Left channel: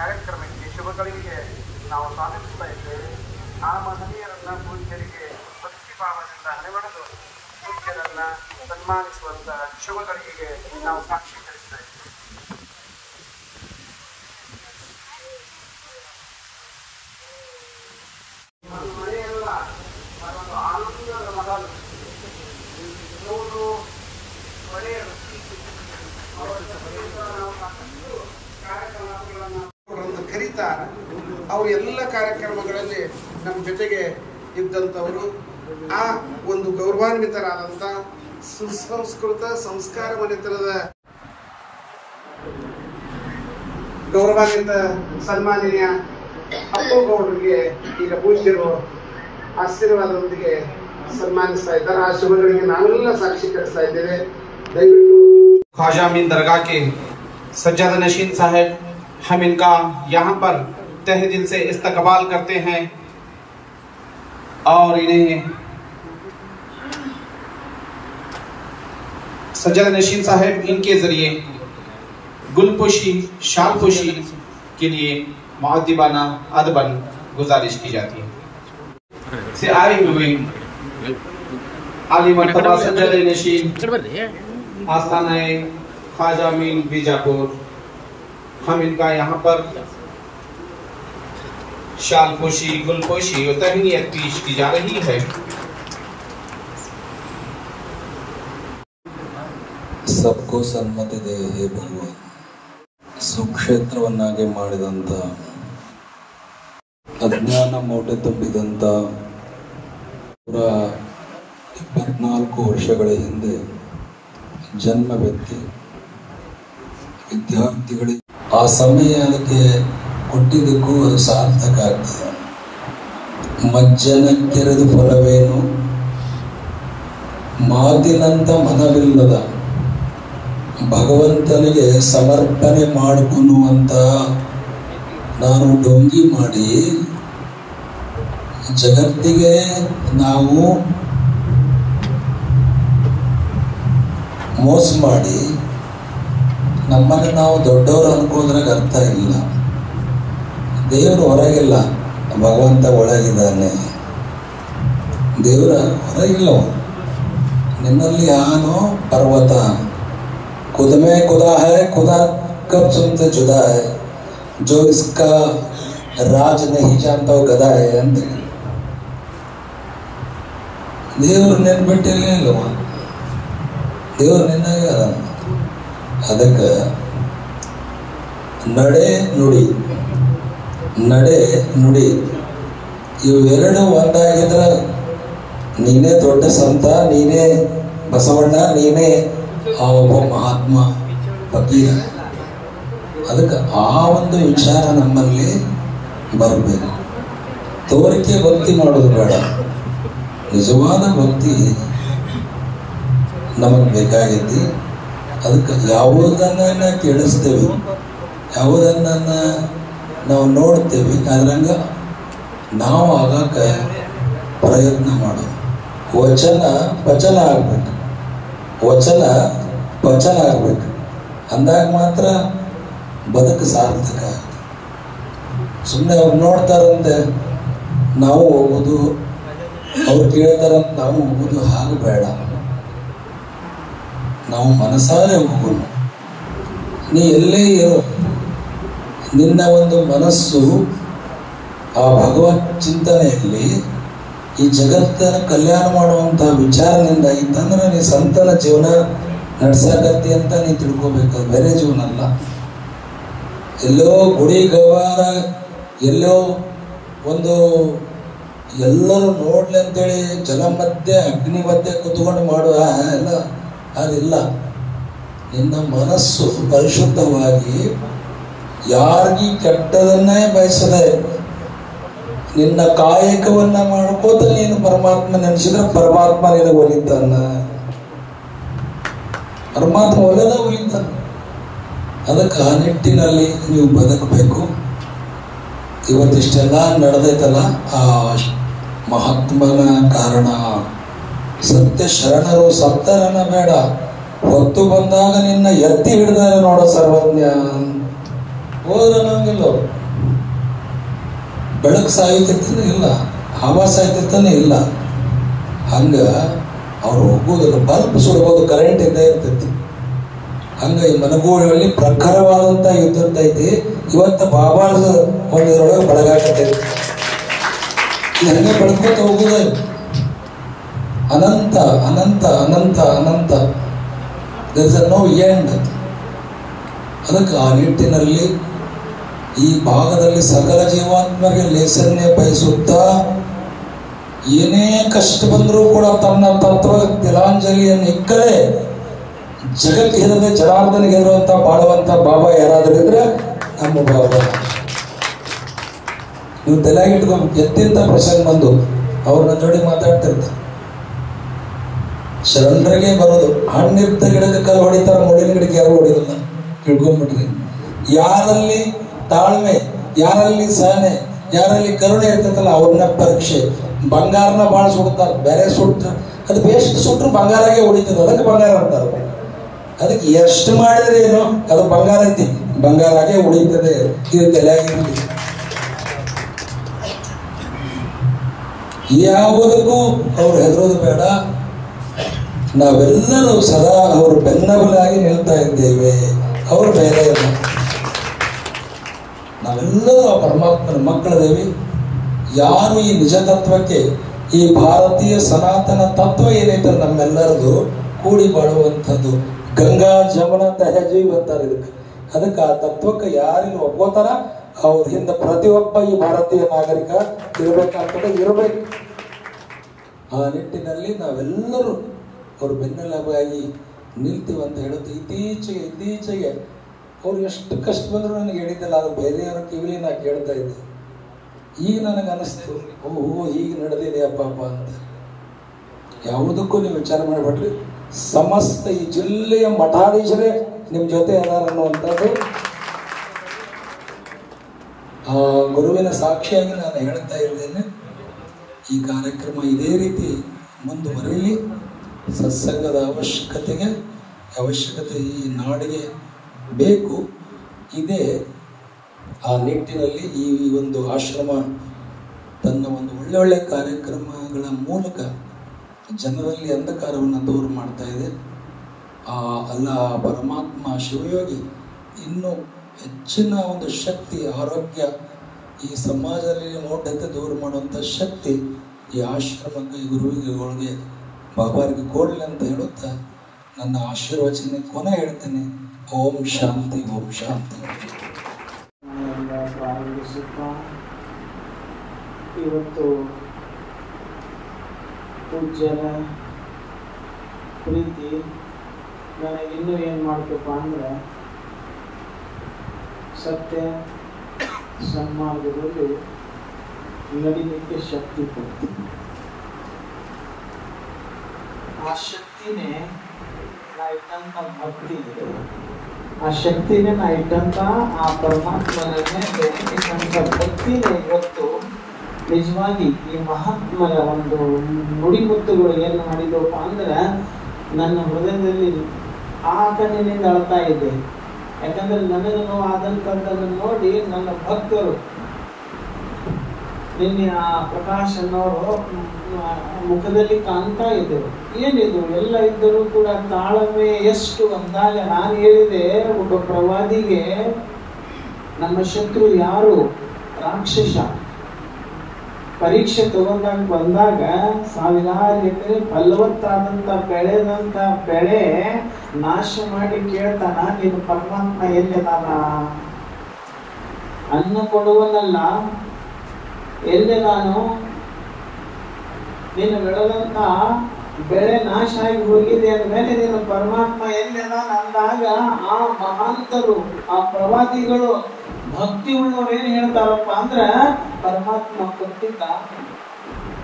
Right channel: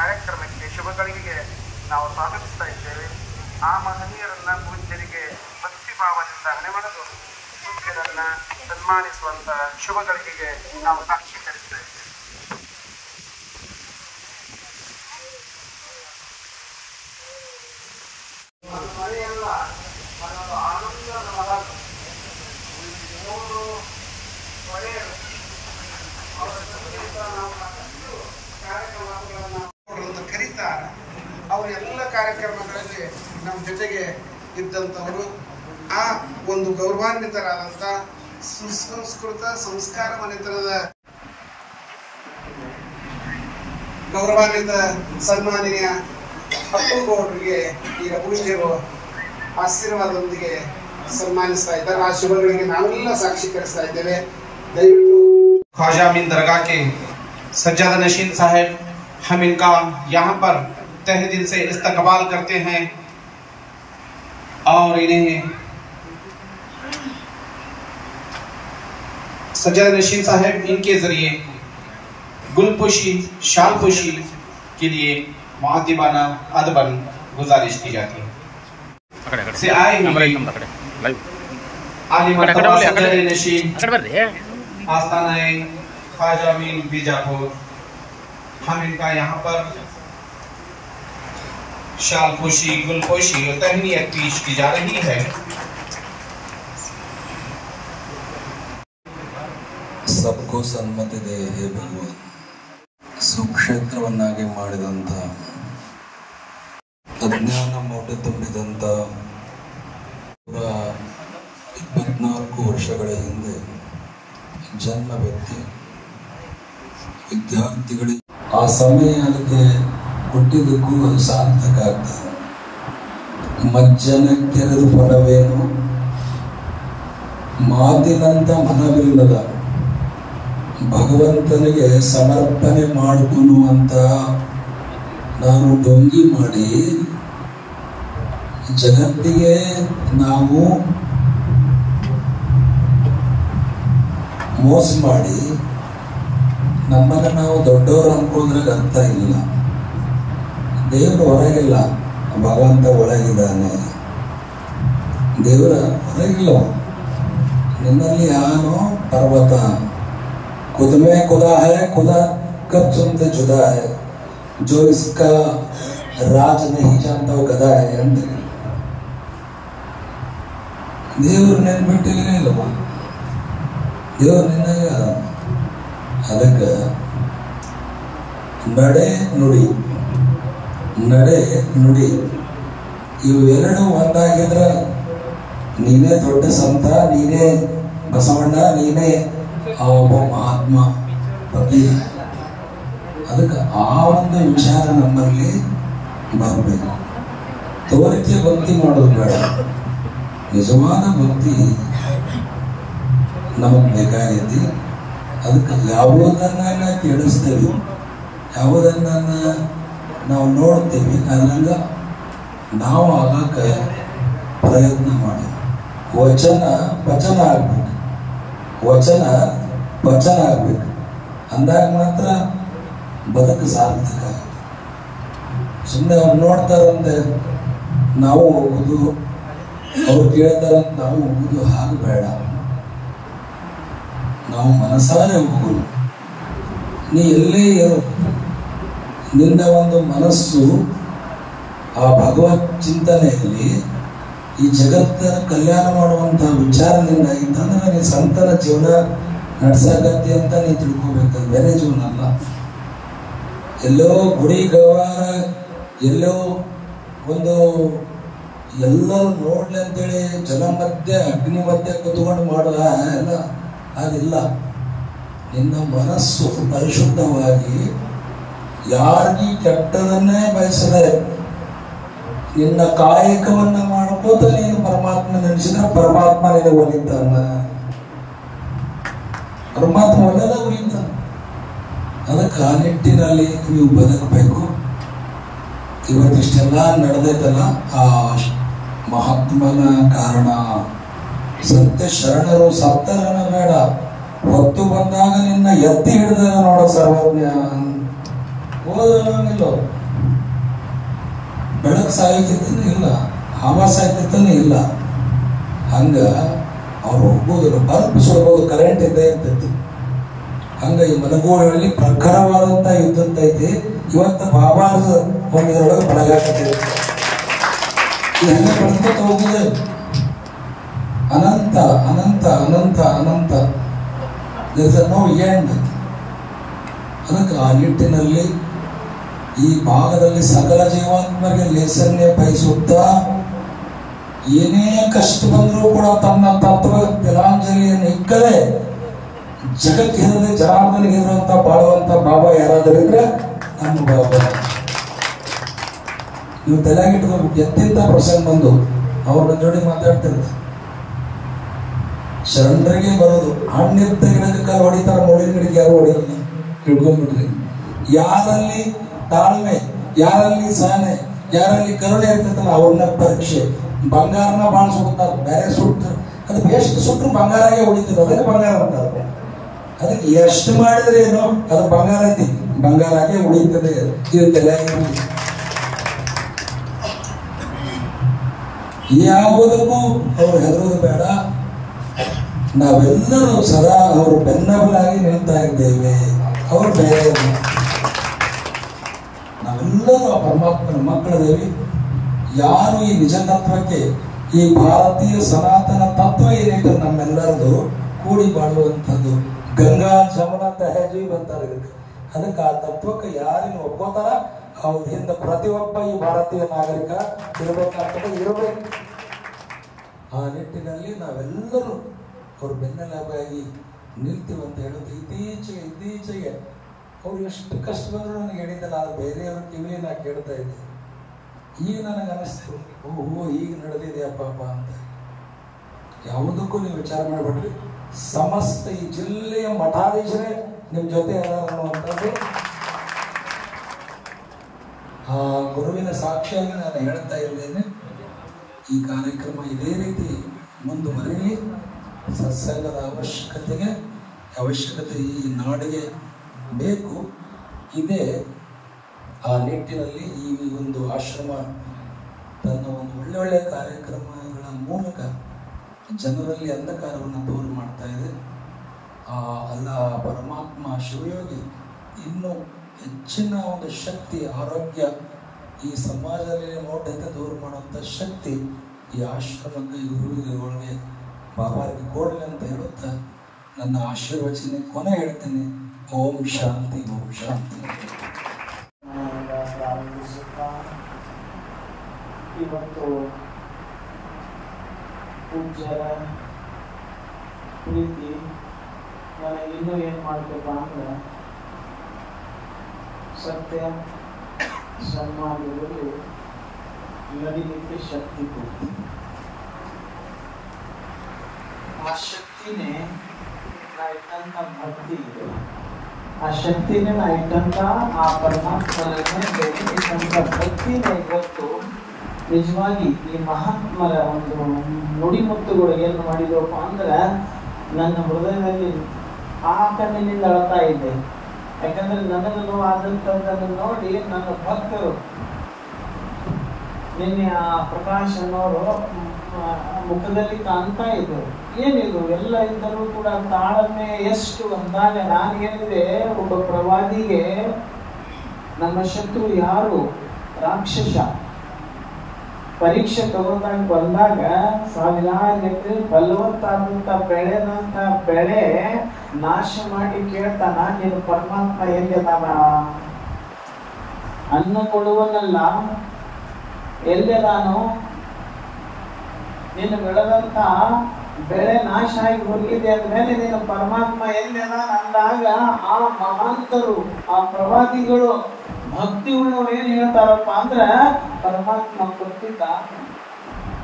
ಕಾರ್ಯಕ್ರಮಕ್ಕೆ ಶುಭಗಳಿಗೆ ನಾವು ಸ್ವಾಗತಿಸ್ತಾ ಇದ್ದೇವೆ. ಆ ಮಹನೀಯರನ್ನ ಪೂಜ್ಯರಿಗೆ ಭಕ್ತಿ ಭಾವದಿಂದ ಹಣೆಮಣದು ಪೂಜ್ಯರನ್ನ ಸನ್ಮಾನಿಸುವಂತ ಶುಭಗಳಿಗೆ ನಾವು ಸಾಕ್ಷೀಕರಿಸ್ತಾ ಇದ್ದೇವೆ. ಕರೀತಾರೆ. ಅವರು ಎಲ್ಲ ಕಾರ್ಯಕ್ರಮಗಳಲ್ಲಿ ನಮ್ಮ ಜೊತೆಗೆ ಇದ್ದಂಥವರು. ಆ ಒಂದು ಗೌರವಾನ್ವಿತರಾದಂಥ ಸುಸಂಸ್ಕೃತ ಸಂಸ್ಕಾರ ಮನೆತನದ ಗೌರವಾನ್ವಿತ ಸನ್ಮಾನೀಯ ಅಪ್ಪುಗೌಡರಿಗೆ ಈಗ ಪೂಜ್ಯರು ಆಶೀರ್ವಾದದೊಂದಿಗೆ ಸನ್ಮಾನಿಸ್ತಾ ಇದ್ದಾರೆ. ಆ ಶುಭಗಳಿಗೆ ನಾವೆಲ್ಲ ಸಾಕ್ಷೀಕರಿಸ್ತಾ ಇದ್ದೇವೆ. ದಯವಿಟ್ಟು ख्वाजा अमीन दरगाह के सज्जादा नशीन साहब, हम इनका यहाँ पर तहे दिल से इस्तकबाल करते हैं और इन्हें सज्जादा नशीन साहब इनके जरिए गुलपोशी शालपोशी के लिए मुअद्दिबाना अदबन गुजारिश की जाती है। से आए आली मर्तबा सज्जादा नशीन आस्थाना ख्वाजा अमीन बीजापुर, हम इनका यहाँ पर शालपोशी गुलपोशी और तहनीयत पेश की जा रही है। सबको सन्मति दे हे भगवान। ಸುಕ್ಷೇತ್ರವನ್ನಾಗಿ ಮಾಡಿದಂತ ಅಜ್ಞಾನ ಮೋಟೆ ತುಂಬಿದಂತ 24 ವರ್ಷಗಳ ಹಿಂದೆ ಜನ್ಮ ವ್ಯಕ್ತಿ ವಿದ್ಯಾರ್ಥಿಗಳಿಗೆ ಆ ಸಮಯ ಅದಕ್ಕೆ ಹುಟ್ಟಿದ್ದಕ್ಕೂ ಅದು ಸಾರ್ಥಕ ಆಗ್ತದೆ. ಮಜ್ಜನ ಕೆರೆದು ಫಲವೇನು, ಮಾತಿನಂತ ಮನವಿಲ್ಲದ ಭಗವಂತನಿಗೆ ಸಮರ್ಪಣೆ ಮಾಡಿಕೊಳ್ಳುವಂತ ನಾನು ಡೊಂಗಿ ಮಾಡಿ ಜಗತ್ತಿಗೆ ನಾವು ಮೋಸ ಮಾಡಿ ನಮ್ಮನ್ನ ನಾವು ದೊಡ್ಡವರು ಅನ್ಕೋದ್ರಾಗ ಅರ್ಥ ಇಲ್ಲ. ದೇವರು ಹೊರಗಿಲ್ಲ, ಭಗವಂತ ಒಳಗಿದ್ದಾನೆ. ದೇವರ ಹೊರಗಿಲ್ಲ, ನಿನ್ನಲ್ಲಿ ಆನೋ ಪರ್ವತ खुद में खुदा है, खुदा कब तुमसे जुदा है, जो इसका राज नहीं जानता वो गधा है ಅಂದ್ರೆ ದೇವರು ನೆನ್ಬಿಟ್ಟಿಲ್ಲ ಇಲ್ಲವ, ದೇವರು ನಿನ್ನಾಗ. ಅದಕ್ಕೆ ನಡೆ ನುಡಿ ಇವು ಎರಡು ಒಂದಾಗಿದ್ರ ನೀನೇ ದೊಡ್ಡ ಸಂತ, ನೀನೇ ಬಸವಣ್ಣ, ನೀನೇ ಆ ಒಬ್ಬ ಮಹಾತ್ಮ ಫಕೀರ. ಅದಕ್ಕೆ ಆ ಒಂದು ವಿಚಾರ ನಮ್ಮಲ್ಲಿ ಬರಬೇಕು. ತೋರಿಕೆ ಭಕ್ತಿ ಮಾಡೋದು ಬೇಡ, ನಿಜವಾದ ಭಕ್ತಿ ನಮಗ್ ಬೇಕಾಗೈತಿ. ಅದಕ್ಕೆ ಯಾವುದನ್ನ ಕೇಳಿಸ್ತೇವೆ, ಯಾವುದನ್ನ ನಾವು ನೋಡ್ತೇವೆ, ಅದ್ರಂಗ ನಾವು ಆಗಾಕ ಪ್ರಯತ್ನ ಮಾಡೋದು. ವಚನ ಪಚನ ಆಗ್ಬೇಕು, ವಚನ ವಚನ ಆಗ್ಬೇಕು. ಅಂದಾಗ ಮಾತ್ರ ಬದುಕು ಸಾರ್ಥಕ. ಸುಮ್ಮನೆ ಅವ್ರು ನೋಡ್ತಾರಂತೆ ನಾವು ಹೋಗುದು, ಅವ್ರು ಕೇಳ್ತಾರಂತ ನಾವು ಹೋಗುದು, ಹಾಗೆ ಬೇಡ. ನಾವು ಮನಸಾರೆ ಹೋಗುದು. ನೀ ಎಲ್ಲೇ ಇರೋ, ನಿನ್ನ ಒಂದು ಮನಸ್ಸು ಆ ಭಗವತ್ ಚಿಂತನೆಯಲ್ಲಿ ಈ ಜಗತ್ತನ್ನು ಕಲ್ಯಾಣ ಮಾಡುವಂತ ವಿಚಾರದಿಂದ ಇತ್ತಂದ್ರೆ ನೀ ಸಂತನ ಜೀವನ ನಡ್ಸಾಗತ್ತಿ ಅಂತ ನೀ ತಿಳ್ಕೊಬೇಕು. ಬೇರೆ ಜೀವನ ಅಲ್ಲ. ಎಲ್ಲೋ ಗುಡಿ ಗವಾರ, ಎಲ್ಲೋ ಒಂದು ಎಲ್ಲರೂ ನೋಡ್ಲಿ ಅಂತೇಳಿ ಜಲ ಮಧ್ಯೆ ಅಗ್ನಿ ಮಧ್ಯೆ ಕುತ್ಕೊಂಡು ಮಾಡುವ ಎಲ್ಲ ಅದಿಲ್ಲ. ನಿನ್ನ ಮನಸ್ಸು ಪರಿಶುದ್ಧವಾಗಿ ಯಾರಿಗೂ ಕೆಟ್ಟದನ್ನೇ ಬಯಸದೆ ನಿನ್ನ ಕಾಯಕವನ್ನ ಮಾಡ್ಕೋತ ನೀನು ಪರಮಾತ್ಮ ನೆನೆಸಿದ್ರೆ ಪರಮಾತ್ಮ ನೀನು ಒಲಿತಾನ. ಪರಮಾತ್ಮ ಒಲೆದ ಒಲಿತಾನ. ಅದಕ್ಕೆ ಆ ನಿಟ್ಟಿನಲ್ಲಿ ನೀವು ಬದುಕಬೇಕು. ಇವತ್ತಿಷ್ಟೆಲ್ಲ ನಡೆದೈತಲ್ಲ ಆ ಮಹಾತ್ಮನ ಕಾರಣ. ಸತ್ಯ ಶರಣರು ಸತ್ತರನ್ನ ಬೇಡ, ಹೊತ್ತು ಬಂದಾಗ ನಿನ್ನ ಎತ್ತಿ ಹಿಡಿದ ನೋಡೋ ಸರ್ವಜ್ಞ. ಹೋದಂಗಿಲ್ಲ ಅವರು. ಬೆಳಕು ಸಾಯ್ತಿರ್ತಾನೆ ಇಲ್ಲ, ಹವಾ ಸಾಯ್ತಿರ್ತಾನೆ ಇಲ್ಲ. ಹಂಗ ಅವ್ರು ಹೋಗೋದಿಲ್ಲ. ಬಲ್ಬ್ ಸುಡ್ಬೋದು, ಕರೆಂಟ್ ಇದ್ದೇ ಇರ್ತೈತಿ. ಹಂಗ ಈ ಮನಗೂರಲ್ಲಿ ಪ್ರಖರವಾದಂತ ಯುದ್ಧ ಐತಿ. ಇವತ್ತು ಬಾಬಾದ ಒಂದರೊಳಗೆ ಬೆಳಗಾಕತ್ತೈತಿ. ಇದು ಹಂಗೆ ಬೆಳಕೋತ ಹೋಗುದೇ ಅನಂತ ಅನಂತ ಅನಂತ ಅನಂತ. There is no end. ಅದಕ್ಕೆ ಆ ನಿಟ್ಟಿನಲ್ಲಿ ಈ ಭಾಗದಲ್ಲಿ ಸಕಲ ಜೀವಾತ್ಮರಿಗೆ ಲೇಸನ್ನೇ ಬಯಸುತ್ತಾ ಏನೇ ಕಷ್ಟ ಬಂದರೂ ಕೂಡ ತನ್ನ ತತ್ವ ತಿಲಾಂಜಲಿಯನ್ನು ಇಕ್ಕದೆ ಜಗಕ್ಕೆ ಹೆದರದೆ ಜನಾರ್ದನಿಗೆ ಹೆದರುವಂತ ಬಾಳುವಂತ ಬಾಬಾ ಯಾರಾದರೂ ಇದ್ರೆ ನಮ್ಮ ಬಾಬಾ. ನೀವು ತಲೆಯಾಗಿಟ್ಕೊಂಡು ಎತ್ತಿಂತ ಪ್ರಸಂಗ ಬಂದು ಅವ್ರನ್ನ ಜೋಡಿ ಮಾತಾಡ್ತಿರ್ತಾರೆ. ಶರಣರಿಗೆ ಬರೋದು ಹಣ್ಣಿದ್ದ ಗಿಡದ ಕಾಲು ಹೊಡಿತಾರ, ಮುಳ್ಳಿನ ಗಿಡಕ್ಕೆ ಯಾರು ಹೊಡಿಯೋದಿಲ್ಲ. ತಿಳ್ಕೊಂಡ್ಬಿಟ್ರಿ. ಯಾರಲ್ಲಿ ತಾಳ್ಮೆ, ಯಾರಲ್ಲಿ ಸಹನೆ, ಯಾರಲ್ಲಿ ಕರುಣೆ ಇರ್ತೈತಲ್ಲ ಅವ್ರನ್ನ ಪರೀಕ್ಷೆ. ಬಂಗಾರನ ಭಾಳ ಸುಡ್ತಾರೆ, ಬೇರೆ ಸುಟ್ಟ ಅದು ಎಷ್ಟು ಸುಟ್ಟರು ಬಂಗಾರಾಗೆ ಹೊಡಿತದೆ, ಅದಕ್ಕೆ ಬಂಗಾರ ಅಂತಾರೆ. ಅದಕ್ಕೆ ಎಷ್ಟು ಮಾಡಿದ್ರೆ ಏನೋ ಅದು ಬಂಗಾರ ಐತಿ, ಬಂಗಾರಾಗೆ ಉಳಿತದೆ. ಇದು ತಲೆಯಾಗಿರುತ್ತೆ. ಯಾವುದಕ್ಕೂ ಅವ್ರು ಹೆದರೋದು ಬೇಡ. ನಾವೆಲ್ಲರೂ ಸದಾ ಅವರು ಬೆನ್ನಬಲಾಗಿ ನಿಲ್ತಾ ಇದ್ದೇವೆ. ಅವರು ಬೇರೆ ನಾವೆಲ್ಲರೂ ಪರಮಾತ್ಮನ ಮಕ್ಕಳದೇವಿ. ಯಾರು ಈ ನಿಜ ತತ್ವಕ್ಕೆ, ಈ ಭಾರತೀಯ ಸನಾತನ ತತ್ವ ಏನೈತೆ ನಮ್ಮೆಲ್ಲರದು ಕೂಡಿ ಬಾಳುವಂಥದ್ದು. ಗಂಗಾ ಜಮುನ ತಹಜೀವ್ ಅಂತಾರೆ ಇದಕ್ಕೆ. ಅದಕ್ಕೆ ಆ ತತ್ವಕ್ಕೆ ಯಾರಿನ ಒಪ್ಪೋತಾರ ಅವ್ರ ಹಿಂದೆ ಪ್ರತಿಯೊಬ್ಬ ಈ ಭಾರತೀಯ ನಾಗರಿಕ ಇರಬೇಕಾಗ್ತದೆ, ಇರಬೇಕು. ಆ ನಿಟ್ಟಿನಲ್ಲಿ ನಾವೆಲ್ಲರೂ ಅವ್ರ ಬೆನ್ನೆಲುಬಾಗಿ ನಿಲ್ತೀವಿ ಅಂತ ಹೇಳುತ್ತೆ. ಇತ್ತೀಚೆಗೆ ಅವ್ರು ಎಷ್ಟು ಕಷ್ಟ ಬಂದ್ರು ನನಗೆ ಹೇಳಿದ್ದಲ್ಲ, ಅದು ಬೇರೆಯವ್ರ ಕಿವಿಲಿ ನಾ ಕೇಳ್ತಾ ಇದ್ದೆ. ಈಗ ನನಗೆ ಅನಿಸ್ತು, ಓಹೋ ಈಗ ನಡೆದಿದೆ ಅಪ್ಪ ಅಂತ. ಯಾವುದಕ್ಕೂ ನೀವು ವಿಚಾರ ಮಾಡಿಬಿಟ್ರಿ. ಸಮಸ್ತ ಈ ಜಿಲ್ಲೆಯ ಮಠಾಧೀಶರೇ ನಿಮ್ಮ ಜೊತೆ ಅದಾರ ಅನ್ನುವಂಥದ್ದು ಆ ಗುರುವಿನ ಸಾಕ್ಷಿಯಾಗಿ ನಾನು ಹೇಳ್ತಾ ಇದ್ದೇನೆ. ಈ ಕಾರ್ಯಕ್ರಮ ಇದೇ ರೀತಿ ಮುಂದುವರಿಯಲಿ. ಸತ್ಸಂಗದ ಅವಶ್ಯಕತೆ ಈ ನಾಡಿಗೆ ಬೇಕು. ಇದೇ ಆ ನಿಟ್ಟಿನಲ್ಲಿ ಈ ಒಂದು ಆಶ್ರಮ ತನ್ನ ಒಂದು ಒಳ್ಳೊಳ್ಳೆ ಕಾರ್ಯಕ್ರಮಗಳ ಮೂಲಕ ಜನರಲ್ಲಿ ಅಂಧಕಾರವನ್ನು ದೂರ ಮಾಡ್ತಾ ಇದೆ. ಅಲ್ಲ ಪರಮಾತ್ಮ ಶಿವಯೋಗಿ ಇನ್ನೂ ಹೆಚ್ಚಿನ ಒಂದು ಶಕ್ತಿ, ಆರೋಗ್ಯ ಈ ಸಮಾಜದಲ್ಲಿ ನೋಟಕ್ಕೆ ದೂರ ಮಾಡುವಂಥ ಶಕ್ತಿ ಈ ಆಶ್ರಮಕ್ಕೆ, ಈ ಗುರುವಿಗಳಿಗೆ, ಬಾಬಾರಿಗೆ ಕೊಡಲಿ ಅಂತ ಹೇಳುತ್ತಾ ನನ್ನ ಆಶೀರ್ವಚನೆ ಕೊನೆ ಹೇಳ್ತೇನೆ. ಓಂ ಶಾಂತಿ, ಓಂ ಶಾಂತಿ. ಇವತ್ತು ಪೂಜ್ಯರ ಪ್ರೀತಿ ನನಗಿನ್ನೂ ಏನು ಮಾಡಬೇಕು ಅಂದ್ರೆ ಸತ್ಯ ಸನ್ಮಾರ್ಗದಲ್ಲಿ ನಡಿಲಿಕ್ಕೆ ಶಕ್ತಿ ಕೊಡ್ತೀನಿ. ಆ ಶಕ್ತಿನೇ ನಾ ಇಟ್ಟಂತ ಭಕ್ತಿ ಇದೆ. ಆ ಶಕ್ತಿನೇ ನಾ ಇಟ್ಟಂತ ಆ ಪರಮಾತ್ಮನೇ ಇಟ್ಟಂತ ಭಕ್ತಿನೇ ಇವತ್ತು ನಿಜವಾಗಿ ಈ ಮಹಾತ್ಮರ ಒಂದು ನುಡಿಮುತ್ತುಗಳು ಏನು ಮಾಡಿದ್ರು ಅಂದ್ರೆ ನನ್ನ ಹೃದಯದಲ್ಲಿ ಆ ಕಣ್ಣಿನಿಂದ ಅಳ್ತಾ ಇದೆ. ಯಾಕಂದ್ರೆ ನನಗೆ ನೋವು ಆದಂಥದ್ದನ್ನು ನೋಡಿ ನನ್ನ ಭಕ್ತರು ನಿನ್ನೆ ಆ ಪ್ರಕಾಶ ನೋಡು ಮುಖದಲ್ಲಿ ಕಾಣ್ತಾ ಇದ್ದರು. ಏನಿದ್ರು ಎಲ್ಲ ಇದ್ದರೂ ಕೂಡ ತಾಳ್ಮೆ ಎಷ್ಟು ಅಂದಾಗ ನಾನು ಹೇಳಿದೆ, ಒಬ್ಬ ಪ್ರವಾದಿಗೆ ನಮ್ಮ ಶತ್ರು ಯಾರು? ರಾಕ್ಷಸ. ಪರೀಕ್ಷೆ ಬಂದಾಗ ಸಾವಿರಾರು ಎಕರೆ ಫಲವತ್ತಾದಂತ ಬೆಳೆದಂತ ಬೆಳೆ ನಾಶ ಮಾಡಿ ಕೇಳ್ತಾನ, ನೀನು ಪರಮಾತ್ಮ ಎಲ್ಲಿದಾನ? ಅನ್ನ ಕೊಡುವನಲ್ಲ ಎಲ್ಲಿದಾನೋ? ನೀನು ಬೆಳೆದಂತ ಬೆಳೆ ನಾಶ ಆಗಿ ಹೋಗಿದೆ ಅಂದ್ಮೇಲೆ ನೀನು ಪರಮಾತ್ಮ ಎಲ್ಲಿದಾನ ಅಂದಾಗ ಆ ಮಹಾಂತರು, ಆ ಪ್ರವಾದಿಗಳು, ಭಕ್ತಿ ಉಳ್ಳವ್ರು ಏನ್ ಹೇಳ್ತಾರಪ್ಪ ಅಂದ್ರೆ ಪರಮಾತ್ಮ ಕೊಟ್ಟಿದ್ದ,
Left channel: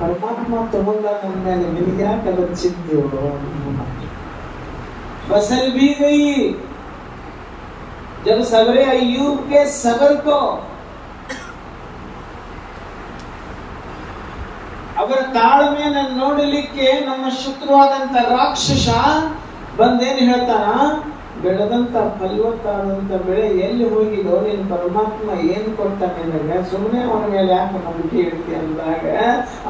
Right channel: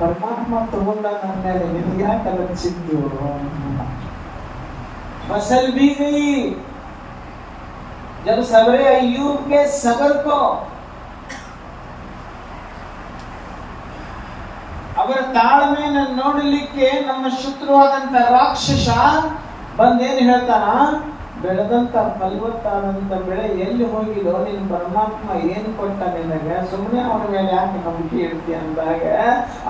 ಪರಮಾತ್ಮ ತಗೊಂಡ ಅಂದ್ಮೇಲೆ ನಿನಗೆ ಯಾಕೆ ಅದರ ಚಿಂತೆ? फसल भी गई जब सवरे अय्यूब के सबर को ಅವರ ತಾಳ್ಮೆಯನ್ನು ನೋಡಲಿಕ್ಕೆ ನಮ್ಮ ಶತ್ರುವಾದಂತ ರಾಕ್ಷಸ ಬಂದೇನು ಹೇಳ್ತಾನ, ಬೆಳೆದಂತ ಫಲವತ್ತಾದಂತ ಬೆಳೆ ಎಲ್ಲಿ ಹೋಗಿದೋ ನಿನ್ ಪರಮಾತ್ಮ ಏನ್ ಕೊಟ್ಟ ನಿನಗೆ, ಸುಮ್ಮನೆ ಅವನ ಮೇಲೆ ಯಾಕೆ ನಂಬಿಕೆ ಇಡ್ತಿ ಅಂದಾಗ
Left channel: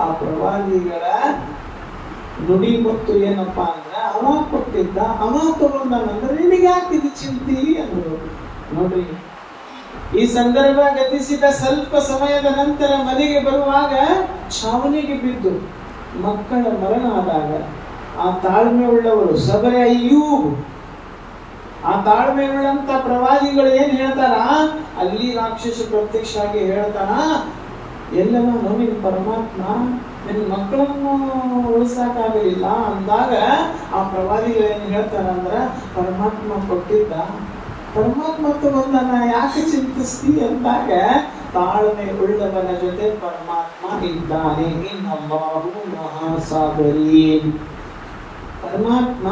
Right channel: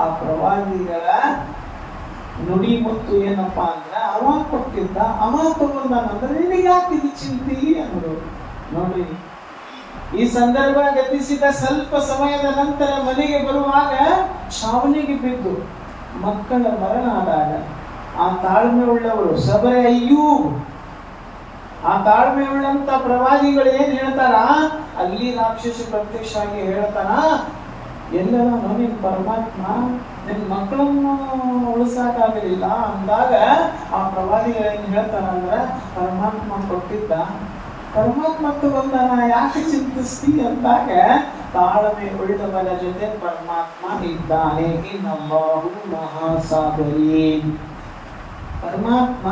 ಆ ಪ್ರವಾದಿಗಳ ನುಡಿ ಮತ್ತು ಏನಪ್ಪಾ ಅಂದ್ರೆ ಅವ ಕೊಟ್ಟಿದ್ದ ಅವ ತಗೊಂಡಂದ್ರೆ ನಿನಗೆ ಯಾಕೆ ಇದು ಚಿಂತಿ ಅನ್ನೋದು. ನೋಡ್ರಿ, ಈ ಸಂದರ್ಭ ಗತಿಸಿದ ಸ್ವಲ್ಪ ಸಮಯದ ನಂತರ ಮನೆಗೆ ಬರುವಾಗ ಛಾವಣಿಗೆ ಬಿದ್ದು ಮಕ್ಕಳ ಮರಣ ಆದಾಗ ಆ ತಾಳ್ಮೆ ಉಳ್ಳವರು ಸಬರ ಅಯ್ಯೂಬ್, ಆ ತಾಳ್ಮೆ ಉಳ್ಳಂತ ಪ್ರವಾದಿಗಳು ಏನ್ ಹೇಳ್ತಾರ, ಅಲ್ಲಿ ರಾಕ್ಷಸ ಪ್ರತ್ಯಕ್ಷ ಆಗಿ ಹೇಳ್ತಾನ, ಎಲ್ಲರೂ ನಿನ್ನ ಪರಮಾತ್ಮ ನಿನ್ನ ಮಕ್ಕಳನ್ನು ಉಳಿಸಾಕಾಗಲಿಲ್ಲ ಅಂದಾಗ ಆ ಪ್ರವಾದಿಗಳು ಏನ್ ಹೇಳ್ತಾರ ಅಂದ್ರೆ ಪರಮಾತ್ಮ ಕೊಟ್ಟಿದ್ದ, ಪರಮಾತ್ಮ ತಗೊಂಡನ ಯಾಕೆ ಚಿಂತಿಸ್ತಿ ಅಂದಾಗ ತಾಳ್ಮೆ ಉಳ್ಳವರ ಜೊತೆ ಪರಮಾತ್ಮ ಇದ್ದಾನೆ. ಇನ್ನಲ್ಲಾಹು ಮಹಾಸಾಗರೀನ್. ಪರಮಾತ್ಮ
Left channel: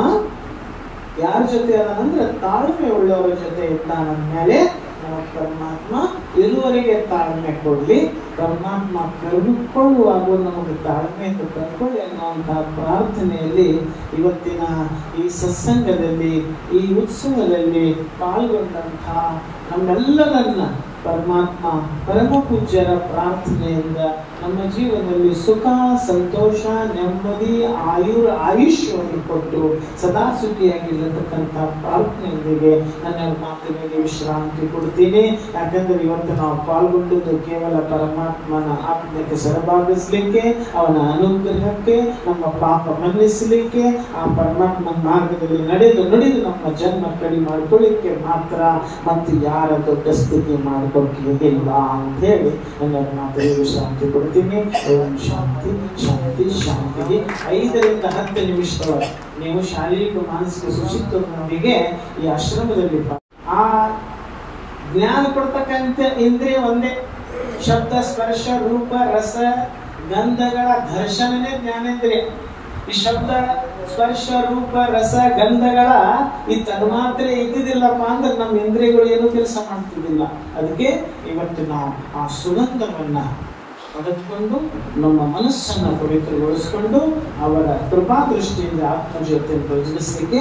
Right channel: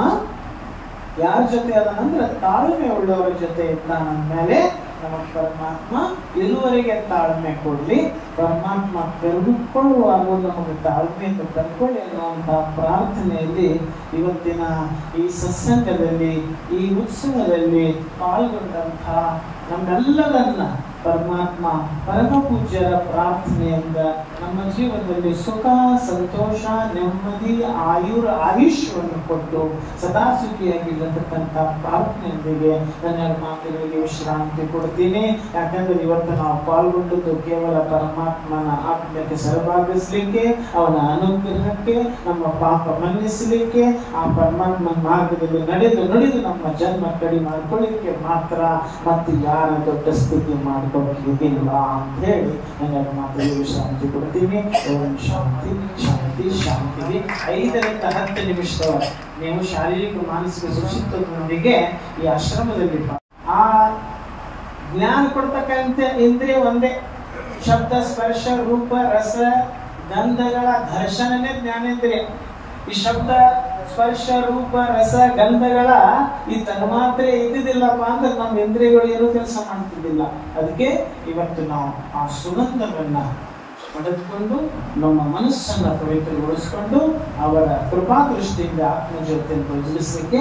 ಯಾರ ಜೊತೆ ಅದ ಅಂದ್ರೆ ತಾಳ್ಮೆ ಉಳ್ಳವರ ಜೊತೆ ಇದ್ದಾನಂದ್ಮೇಲೆ ನಮ್ಮ ಪರಮಾತ್ಮ ಇರುವರೆಗೆ ತಾಳ್ಮೆ ಕೊಡ್ಲಿ, ಪರಮಾತ್ಮ ಕರೆದುಕೊಳ್ಳುವಾಗ ನಮಗೆ ತಾಳ್ಮೆಯನ್ನು ಕರ್ಕೊಳ್ಳಿ ಅನ್ನುವಂತಹ ಪ್ರಾರ್ಥನೆಯಲ್ಲಿ ಇವತ್ತಿನ ಈ ಸತ್ಸಂಗದಲ್ಲಿ ಈ ಉತ್ಸವದಲ್ಲಿ ಪಾಲ್ಗೊಂಡಂತಹ ನಮ್ಮೆಲ್ಲರನ್ನ ಪರಮಾತ್ಮ ಪರಮ ಪೂಜ್ಯರ ಪ್ರಾರ್ಥನೆಯಿಂದ ನಮ್ಮ ಜೀವನದಲ್ಲಿ ಸುಖ ಸಂತೋಷ ನೆಮ್ಮದಿ ಆಯುಷ್ಯವನ್ನು ಕೊಟ್ಟು ಸದಾ ಸುಖಿಯಾಗಿರತಕ್ಕಂಥ ಪ್ರಾರ್ಥನೆಯೊಂದಿಗೆ ನನ್ನ ಮಾತಿನಲ್ಲಿ ವಿಶ್ರಾಂತಿ ಕೊಡ್ತೀನಿ. ಯಾಕಂದ್ರೆ ಇವತ್ತು ನಾವು ಪಾಲ್ಗೊಂಡದ್ದು ಕೇವಲ ಪರಮಾತ್ಮನ ಆಜ್ಞೆಗೆ ಸಹಭಾಗಿಸ್ಲಿಕ್ಕೆ, ಅವನ ಅನುಗ್ರಹಕ್ಕೆ, ನಮ್ಮ ಪಾಪ ಮನ್ನಿಸಲಿಕ್ಕೆ, ಆ ಪರಮಾತ್ಮನ ಮಾರ್ಗದಲ್ಲಿ ನಡೆದು ನಮ್ಮ ಜನ್ಮ ಕಡಿಮೆ ಮಾಡ್ಕೊಳ್ಳಿಕ್ಕೆ ಮಾತ್ರ, ಮತ್ತು ಯಾರ ದೊಡ್ಡ ಸ್ಥಿತಿ ಮಾಡ್ಕೊಳ್ಳಿಕ್ಕೆ ಇಲ್ಲ ಅಂತ ಹೇಳಿ ನನ್ನ ಮಾತಲ್ಲಿ ವಿಶ್ರಾಂತಿ ಕೊಡ್ತೀನಿ. ಓಂ ಶಾಂತಿ ಶಾಂತಿ ಶಾಂತಿಗೆ 5 ರಿಂದ 10 ನಿಮಿಷಗಳ ನೀವು ಶಾರೀರಿಕ ಮಾನಸಿಕ ಶುಚಿತ್ವದೊಂದಿಗೆ ಈ ಆಶ್ರಮದಲ್ಲಿ ಆ ಜ್ಞಾನ ಕೊಡ್ತಕ್ಕಂಥ ಇಂದ್ರಿಯ ಒಂದೇ, ಶಬ್ದ ಸ್ಪರ್ಶ ರೂಪ ರಸ ಗಂಧಗಳ ಘರ್ಷಣೆ ಜ್ಞಾನೇಂದ್ರಿಯ. ಈ ಶಬ್ದ ಸ್ಪರ್ಶ ರೂಪ ರಸ ಗಂಧಗಳ ಈ ತನ್ಮಾತ್ರೆ ಇದ್ದಿದ್ದಿಲ್ಲಪ್ಪ ಅಂದ್ರೆ ನಮ್ಮ ಇಂದ್ರಿಯಗಳು ಏನು ಕೆಲಸ ಮಾಡ್ತಿದ್ದಿಲ್ಲ. ಅದಕ್ಕೆ ಇವತ್ತು ನಾವು ಆ ಸುಗಂಧವನ್ನ ಪಡೆದುಕೊಂಡು ನಮ್ಮ ಮನಸ್ಸನ್ನು ಪವಿತ್ರಗೊಳಿಸಿಕೊಂಡು ಅವರ ಕೃಪಾ ದೃಷ್ಟಿಯಿಂದ ಆತ್ಮ ಜೊತೆ ಯೋಜಿಸಲಿಕ್ಕೆ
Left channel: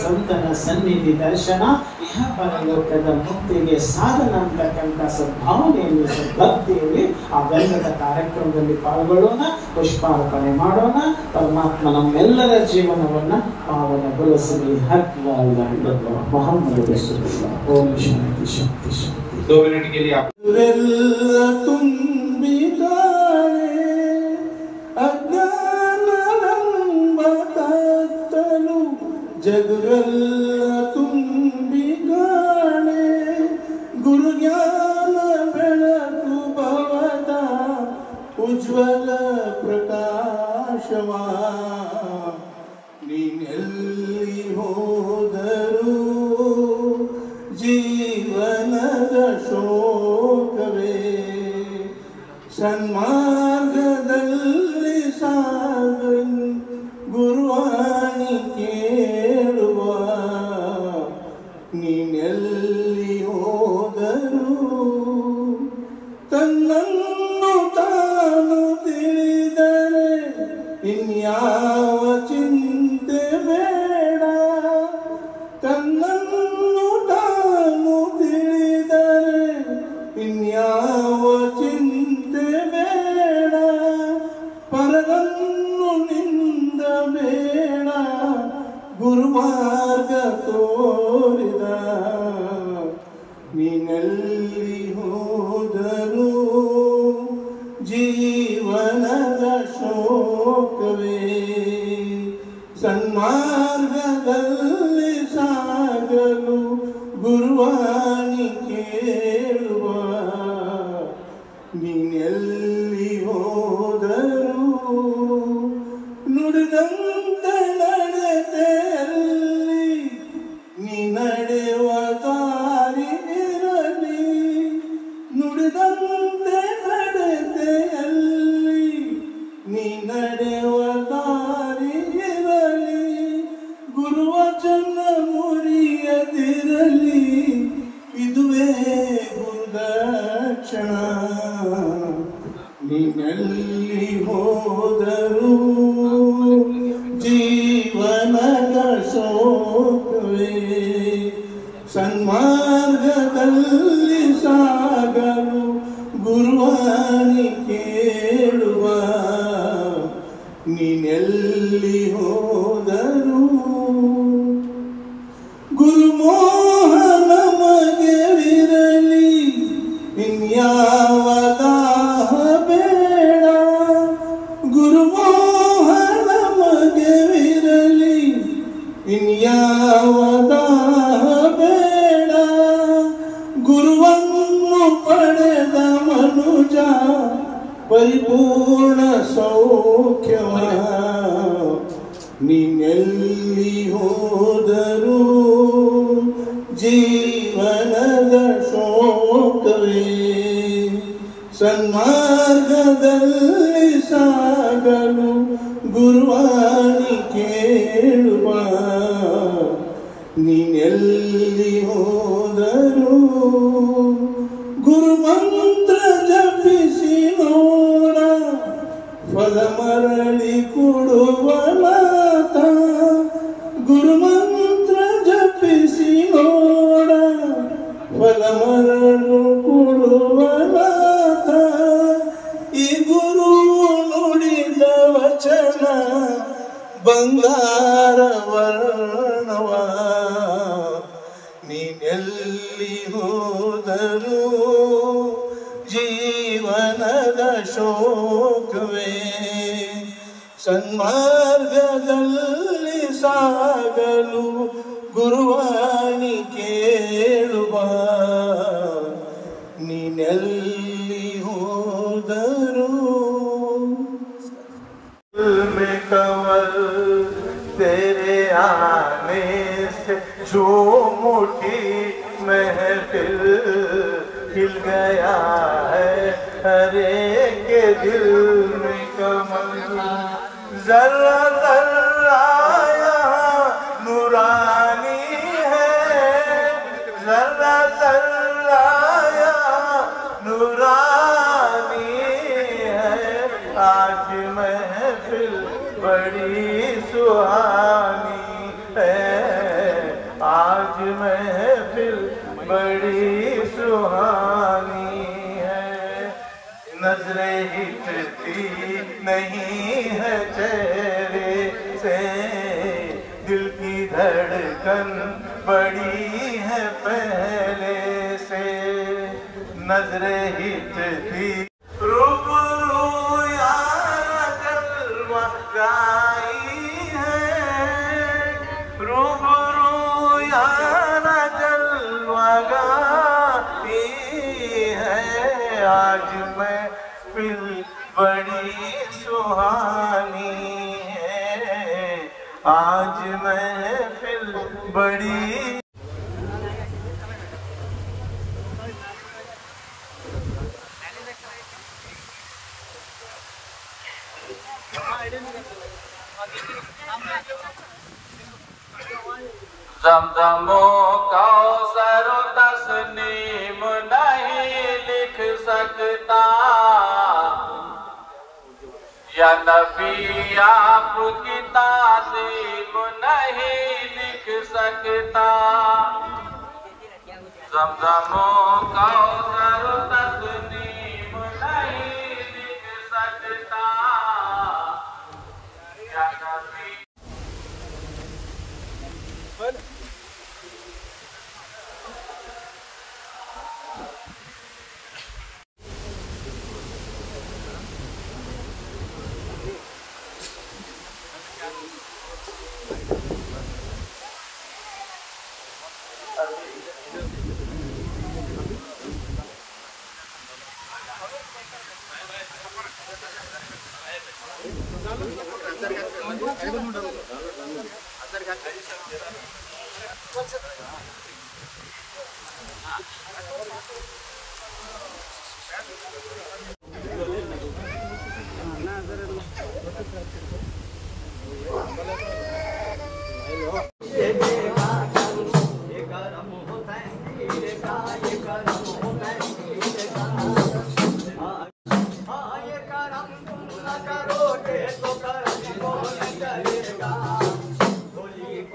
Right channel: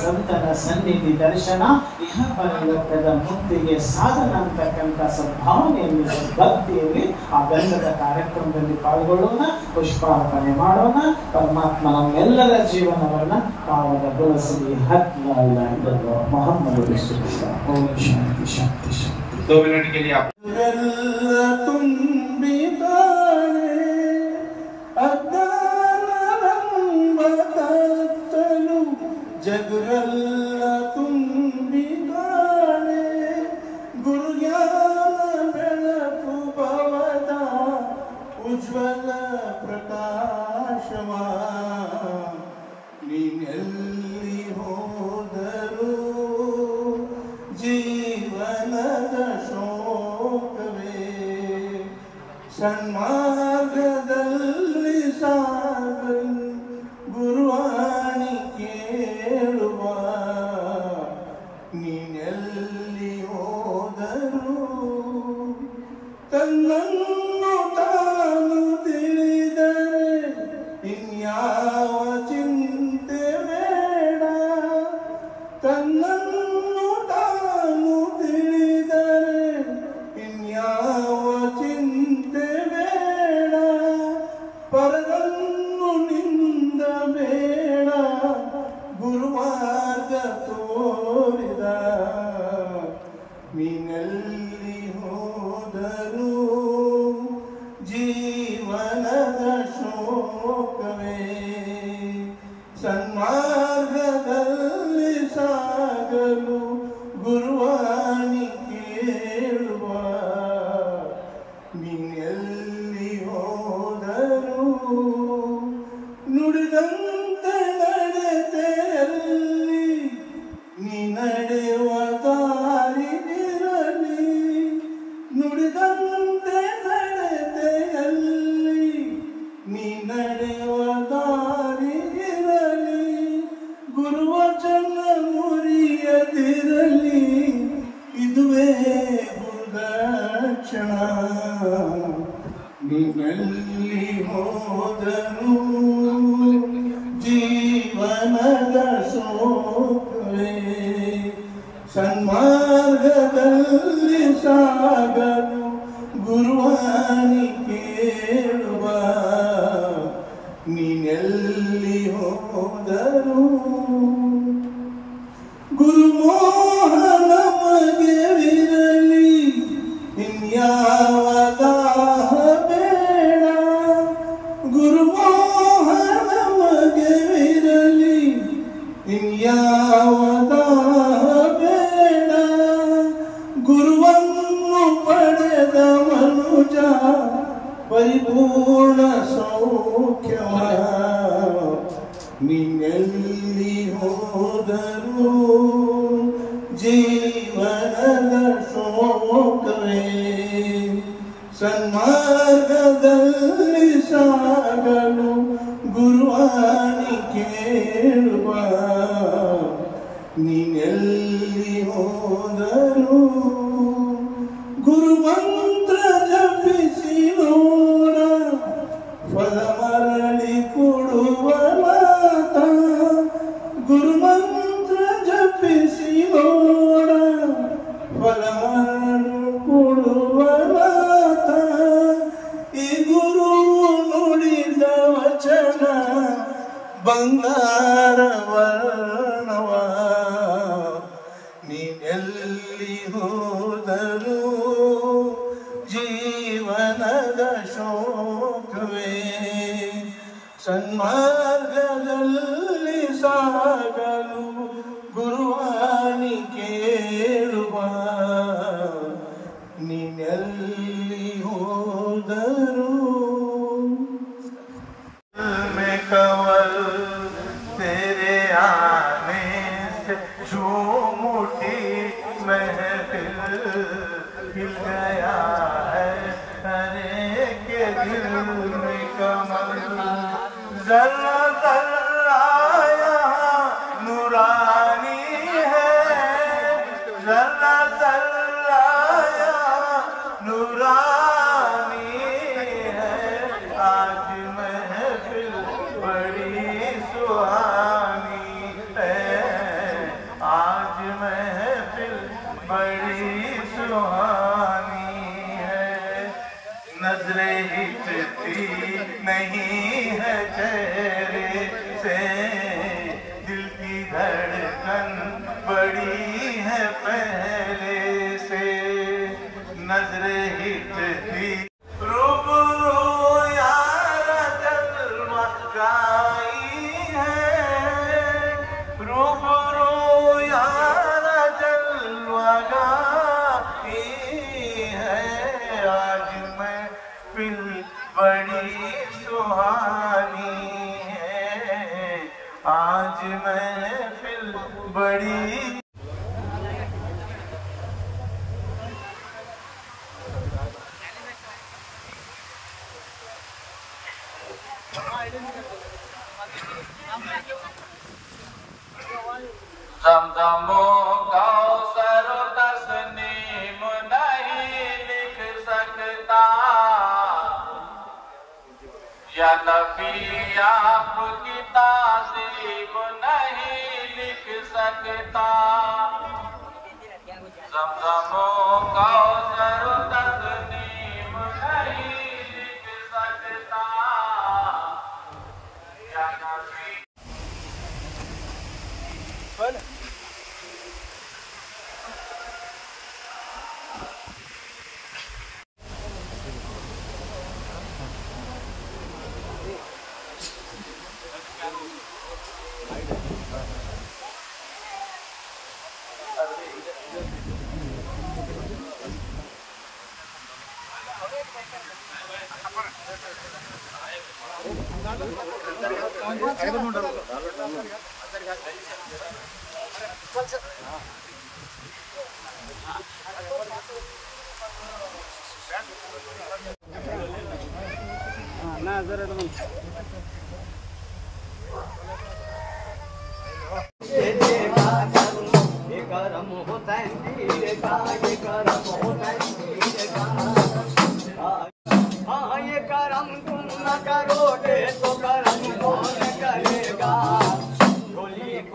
ಸಂತನ ಸನ್ನಿಧಿ ದರ್ಶನ ಇಹ ಪರಲೋಕದ ಮುಕ್ತಿಗೆ ಸಾಧನ ಅಂತಕ್ಕಂಥ ಸದ್ಭಾವನೆಯಲ್ಲಿ ಭಕ್ತಿಯಲ್ಲಿ ಆ ಗಂಧದ ಕಾರ್ಯಕ್ರಮದಲ್ಲಿ ಪಾಲ್ಗೊಳ್ಳೋಣ, ಪುಷ್ಪಾರ್ಪಣೆ ಮಾಡೋಣ. ಪರಮಾತ್ಮ ನಮ್ಮೆಲ್ಲರ ಜೀವನವನ್ನ ಪಾವನಗೊಳಿಸಲಿ. ಮೊಹಮ್ಮದ್ ರಸೂಲುಲ್ಲಾಹ್. ಓಂ ಶಾಂತಿ ಶಾಂತಿ ಶಾಂತಿ. 2 ಮಿನಿಟ್ के लिए ಜಗರೆಲ್ಲ ತುಂಬಿಗಾಣೆ ಗುರುಜ್ಞಾನ ಬೆಳಕು ಭವದ ಉಜ್ವಲ ಪ್ರಕಾಶವ ನೀನೆಲ್ಲಿ ಹೋದರೂ ಜೀವನದ ಶೋಕವೇ ಸನ್ಮಾರ್ಗದಲ್ಲಿ ಸಾಗನ್ ಗುರುವಾಣಿ ಕೇಳುವ ನೀನೆಲ್ಲಿ ಹೋದರೂ ತನ್ನನ್ನು ತಾನು ತಿಳಿದರೆ ಇನ್ಯಾವ ಚಿಂತೆ ಬೇಡ, ತನ್ನನ್ನು ತಾನು ತಿಳಿದರೆ ಇನ್ಯಾವ ಚಿಂತೆ ಬೇಡ, ಪರವನ್ನು ನಿಂದ ಬೇಡ ಗುರುಮಾರ್ಗ ತೋರಿದ ನೀನೆಲ್ಲಿ ಹೋದರೂ ಜೀವನದ ಶೋಕವೇ ಸನ್ಮಾರ್ಗದಲ್ಲಿ ಸಾಗಲು ಗುರುವಾಣಿ ಕೇಳುವ ನೀನೆಲ್ಲಿ ಹೋದರೂ ನುಡಿದಂತೆ ನಡೆದಲ್ಲಿ ನೀ ನಡೆಯುವ ದಾರಿ ಇರಲಿ, ನುಡಿದಂತೆ ನಡೆದಲ್ಲಿ ನೀ ನಡೆಯುವ ದಾರಿ ಇರಲಿ, ಗುರುವಚನ ಮುರಿಯದಿರಲಿ, ಇದುವೇ ಗುರುದಕ್ಷಿಣ. ನೀನೆಲ್ಲಿ ಹೋದರೂ ಜೀವನದ ಶೋಕವೇ ಸನ್ಮಾರ್ಗದಲ್ಲಿ ಸಾಗಲು ಗುರುವಾನಿ ಕೇಳುವ ನೀನೆಲ್ಲಿ ಹೋದರು ಗುರುಮೋಹನ ನಮಗೆ ವಿರಲಿ ಇನ್ಯಾವ ದಾಹ ಬೇಡ ಗುರುಮೋಹನ ನಮಗೆ ವಿರಲಿ ಇನ್ಯಾವ ದಾಹ ಬೇಡ ಗುರುವನ್ನು ಪಡೆದ ಮನುಜ ಪರಿಪೂರ್ಣ ಸೌಖ್ಯಮಯ ನೀನೆಲ್ಲಿ ಹೋದರೂ ಜೀವನದ ಶೋಕವೇ ಸನ್ಮಾರ್ಗದಲ್ಲಿ ಸಾಗಲು ಗುರುವಾಣಿ ಕೇಳುವ ನೀನೆಲ್ಲಿ ಹೋದರೂ ಗುರುಮಂತ್ರ ಜಪಿಸಿ ನೋಡ ಫಲ ಮರಳಿ ಕೊಡುವ ಮಾತ ಗುರುಮಂತ್ರ ಜಪಿಸಿ ನೋಡ ಫಲ ಮರಳು ಕೊಡುವ ಮಾತ ಈ ಗುರು ನುಡಿದ ವಚನ ಬಂಗಾರ ವರ್ಣವ ನೀನೆಲ್ಲಿ ಹೋದರೂ ಜೀವನದ ಶೋಕವೇ ಸನ್ಮಾರ್ಗದಲ್ಲಿ ಸಾಗಲು ಗುರುವಾನಿ ಕೇಳುವ ನೀನೆಲ್ಲಿ ಹೋದರೂ कवल तेरे आने से जो मुट्ठी महफिल खिल गया है हरे के दिल में कमल जरा जरा यहाँ नूरानी है जरा जरा यहाँ नूरानी है आज महफिल बड़ी सुहानी है आज महफिल बड़ी सुहानी है नजरें हिचती नहीं है चेहरे से दिल की धड़कन बड़ी है पहले से नजरें हिचती रूबरू यार जलवा गाई है रूबरू यार जलवा गाई है आज मैं फिर बड़ी सुहानी है आज मैं फिर बड़ी ज़मज़मो कौसर तस्नीम नहीं लिख सकता या नबी आपकी ताज़ीम नहीं लिख सकता ज़मज़मो कौसर तस्नीम नहीं लिख सकता या नबी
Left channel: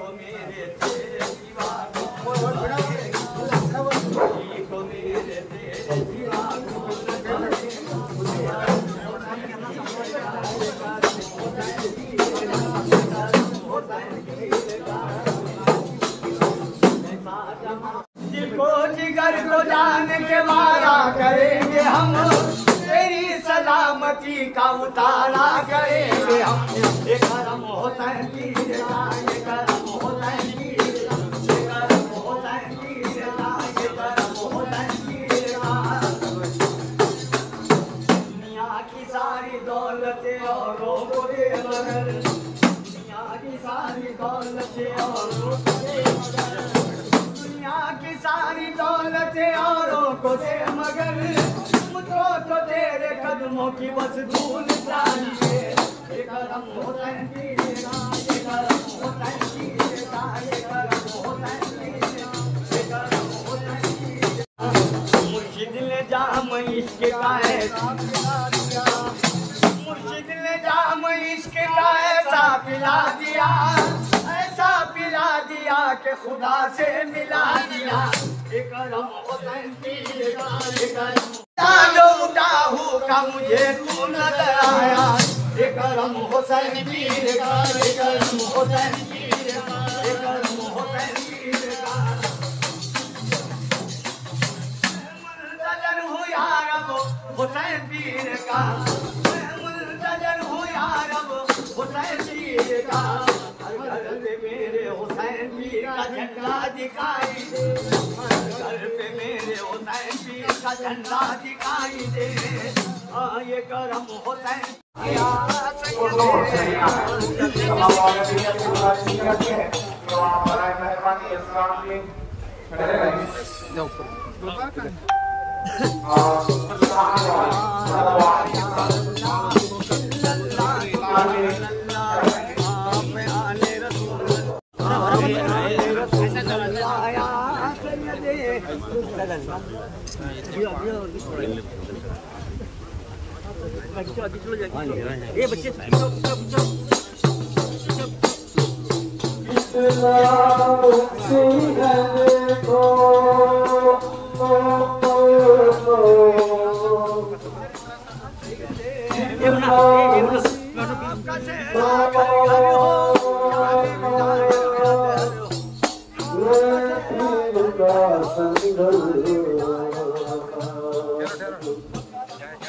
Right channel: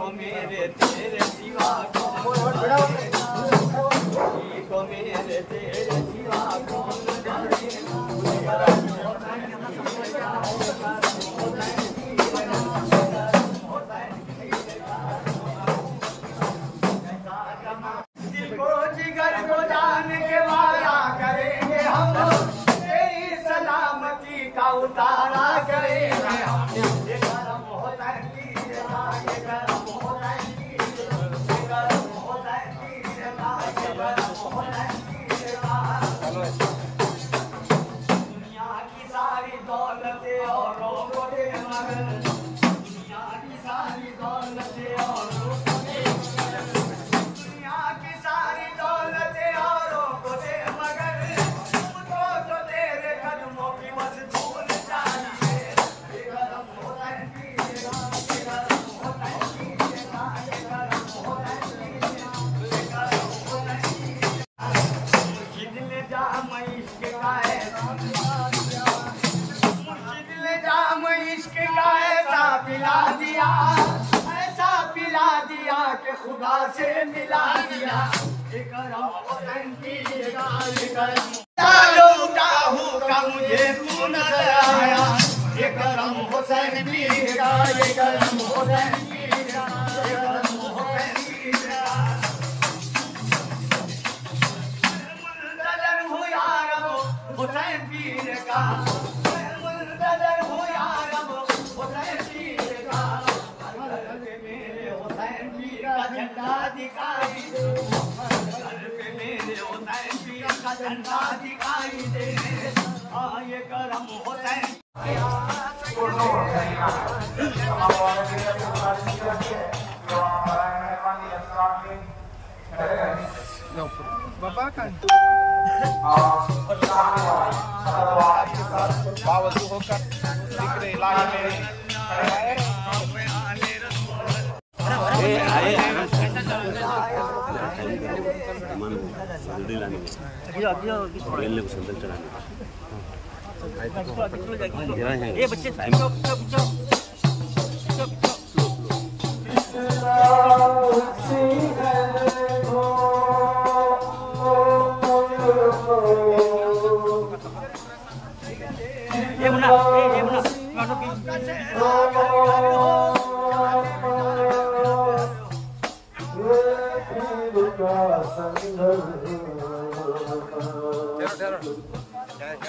मेरे तेरे सिवा मिट्टी का उतारा करेंगे हमने ये करम हुसैन की ये करम हुसैन की ये करम हुसैन की ये करम हुसैन की दुनिया की सारी दौलतें औरों को दे मगर दुनिया की सारी दौलतें औरों को दे मगर दुनिया की सारी दौलतें औरों को दे मगर तो तेरे कदमों की बस धूल चाहिए ये करम हुसैन की ये करम हुसैन की ये करम हुसैन की ये करम हुसैन की मुर्शिद ने जाम इश्क का ऐसा पिला दिया मुर्शिद ने जाम इश्क का ऐसा पिला दिया कि खुदा से मिला दिया ये करम हुसैन की ये करम उठा का मुझे तू नजर आया ये करम हुसैन की ये करम हुसैन की ये करम हुसैन की मुंतजर हूँ यार हुसैन पीर का मुंतजर हूँ यार हुसैन पीर का मेरे हुसैन पीर का झंडा दिखाई दे मेरे हुसैन पीर का झंडा दिखाई दे ये करम हुसैन बाबा का आपके साथ बावजूद होकर दूसरे इलाके ये बच्चे ये मुन्ना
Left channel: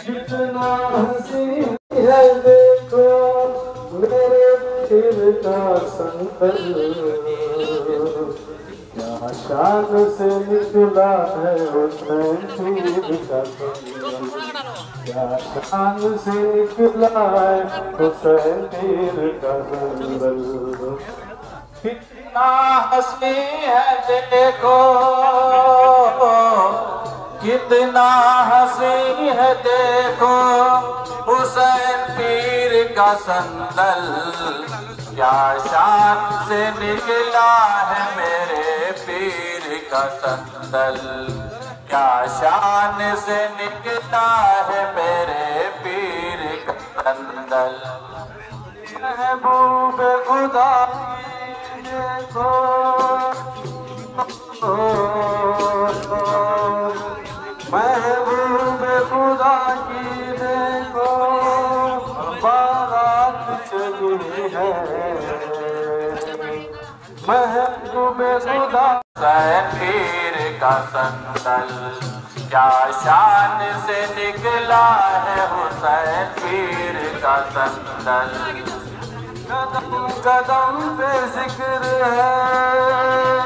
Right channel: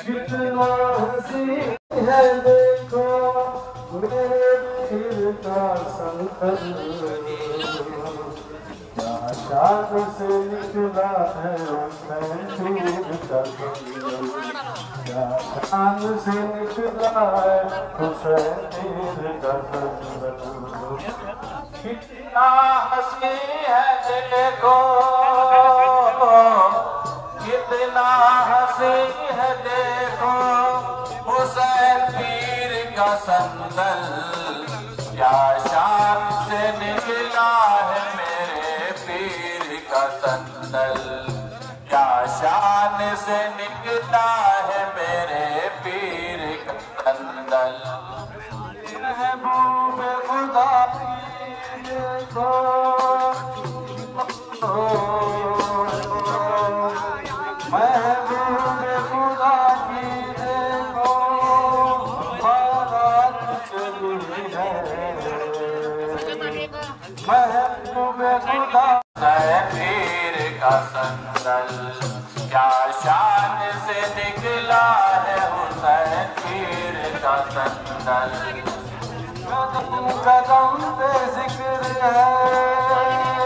कितना हंसी है देखो मेरे दिल का संकल क्या शान से निकला है हुसैन पीर का संकल क्या शान से निकला है हुसैन पीर का संकल कितना हंसी है देखो कितना हंसी है देखो हुसैन पीर का संदल क्या शान से निकला है मेरे पीर का संदल क्या शान से निकला है मेरे पीर का संदल महबूब खुदा देखो महबूब खुदा की देखो बारात चली है महबूब खुदा पीर का संदल क्या शान से निकला है हुसैन पीर का संदल कदम कदम पे जिक्र है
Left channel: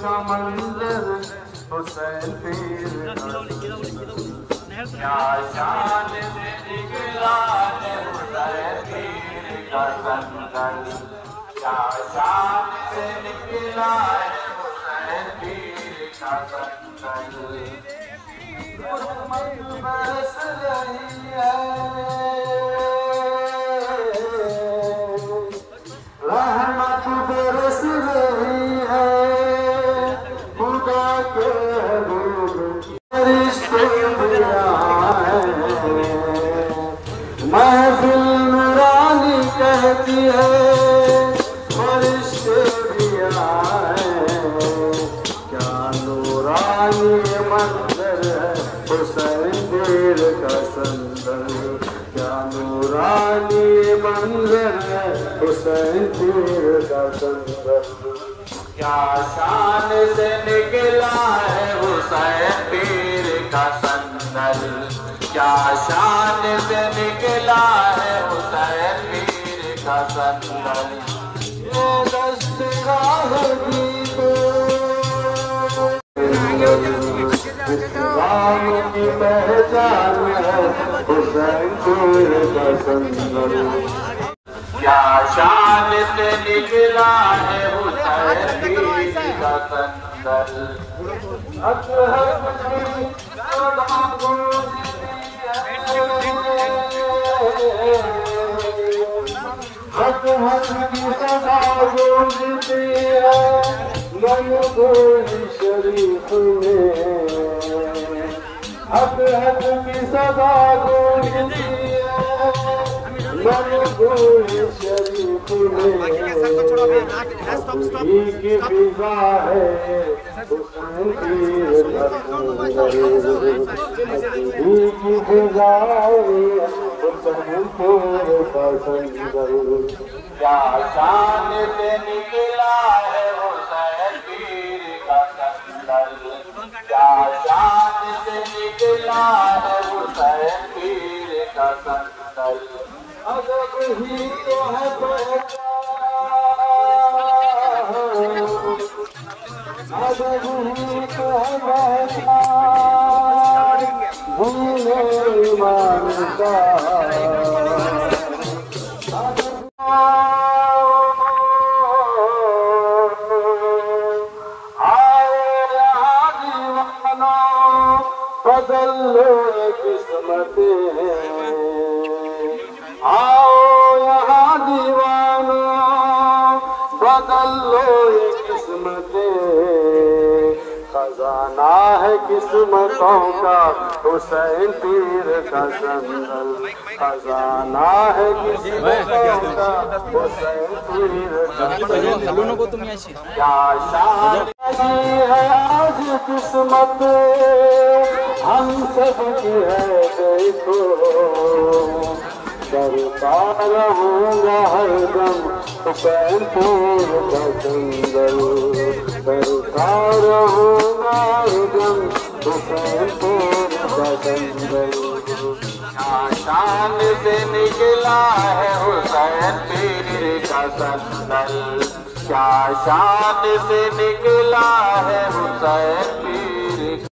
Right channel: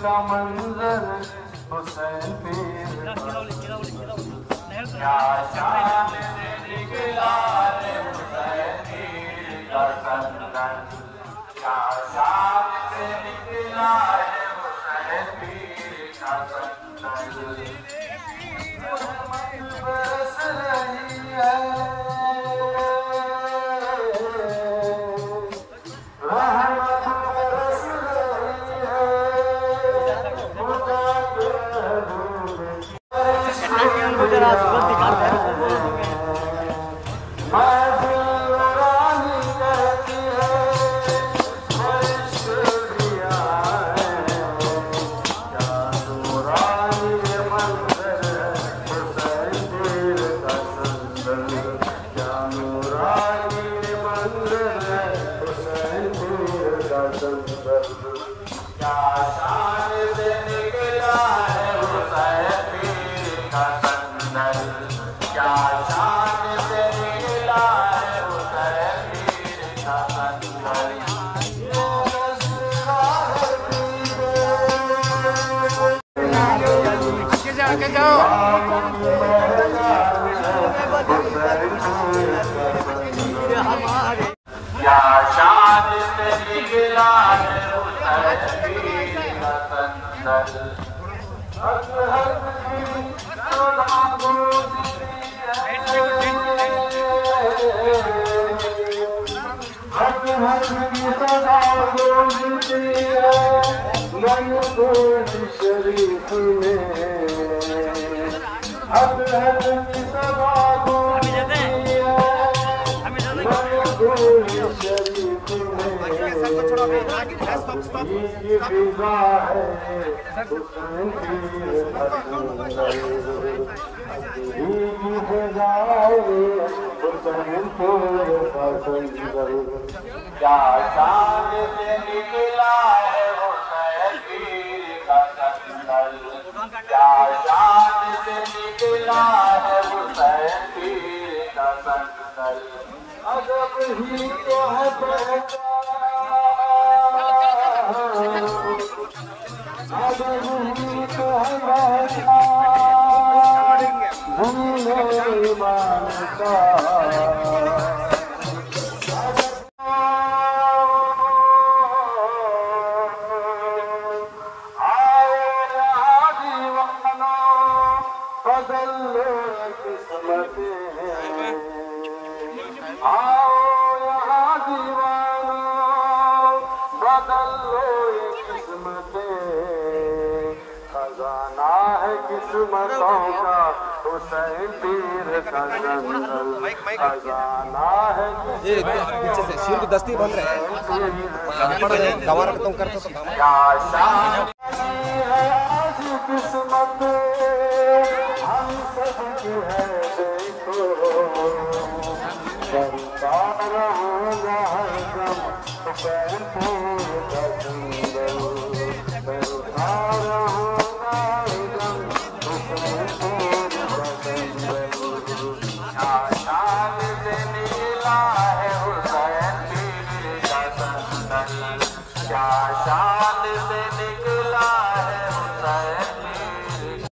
का मंजर हुसैन पीर क्या शान से निकला है हुसैन पीर का संगल क्या शान से निकला है हुसैन पीर का संगल बरस रही है रहमत बरस रही है महफिल नूरानी कहती शान से निकला है हुसैन का कंदल। शरीफ में हक हक की सदा शरीफ क्या शान से निकला है हुसैन पीर का कंदल। क्या शान से निकला है हुसैन पीर का कंदल। बदल लो किस्मतें, आओ यहाँ दीवाना बदल लो किस्मतें। खजाना है किस्मतों का हुसैन पीर का कंदल। खजाना है किस्मतों क्या शान आज किस्मत हम सब की है देखो। करता रहूँगा हरदम हुसैन पीर का कंदल। करता रहूँगा हरदम हुसैन पीर का कंदल। शान से निकला है हुसैन पीर का कंदल। क्या शान से निकला है हुसैन पीर।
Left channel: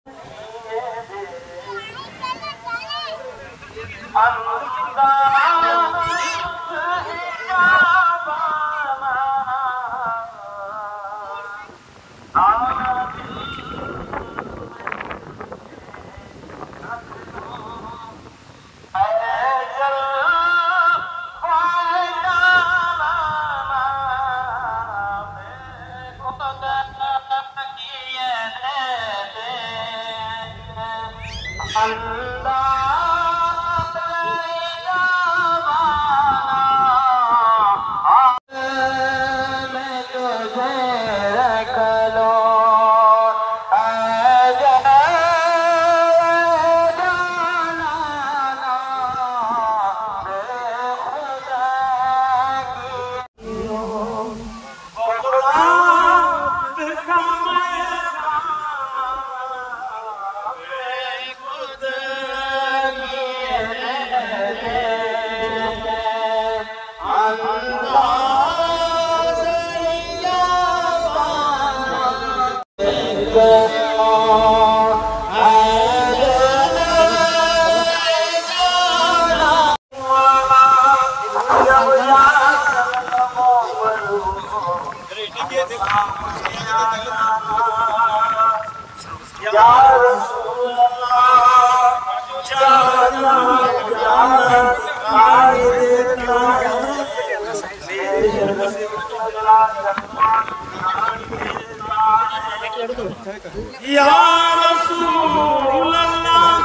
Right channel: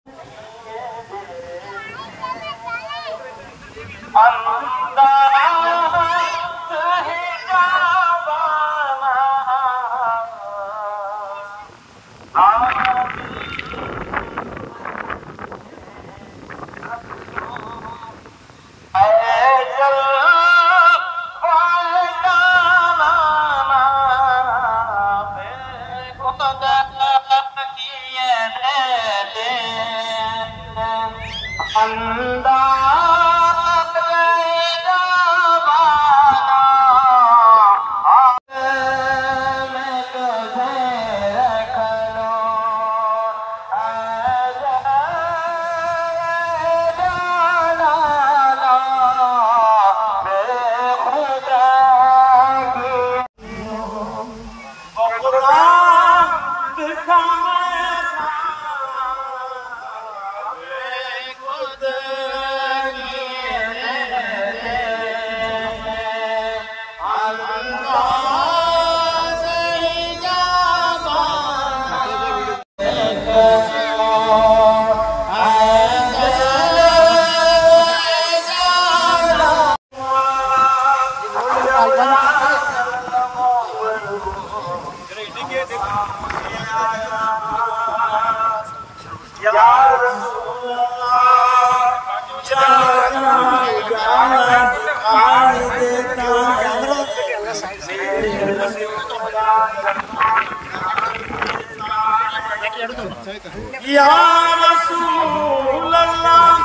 या रसूल अल्लाह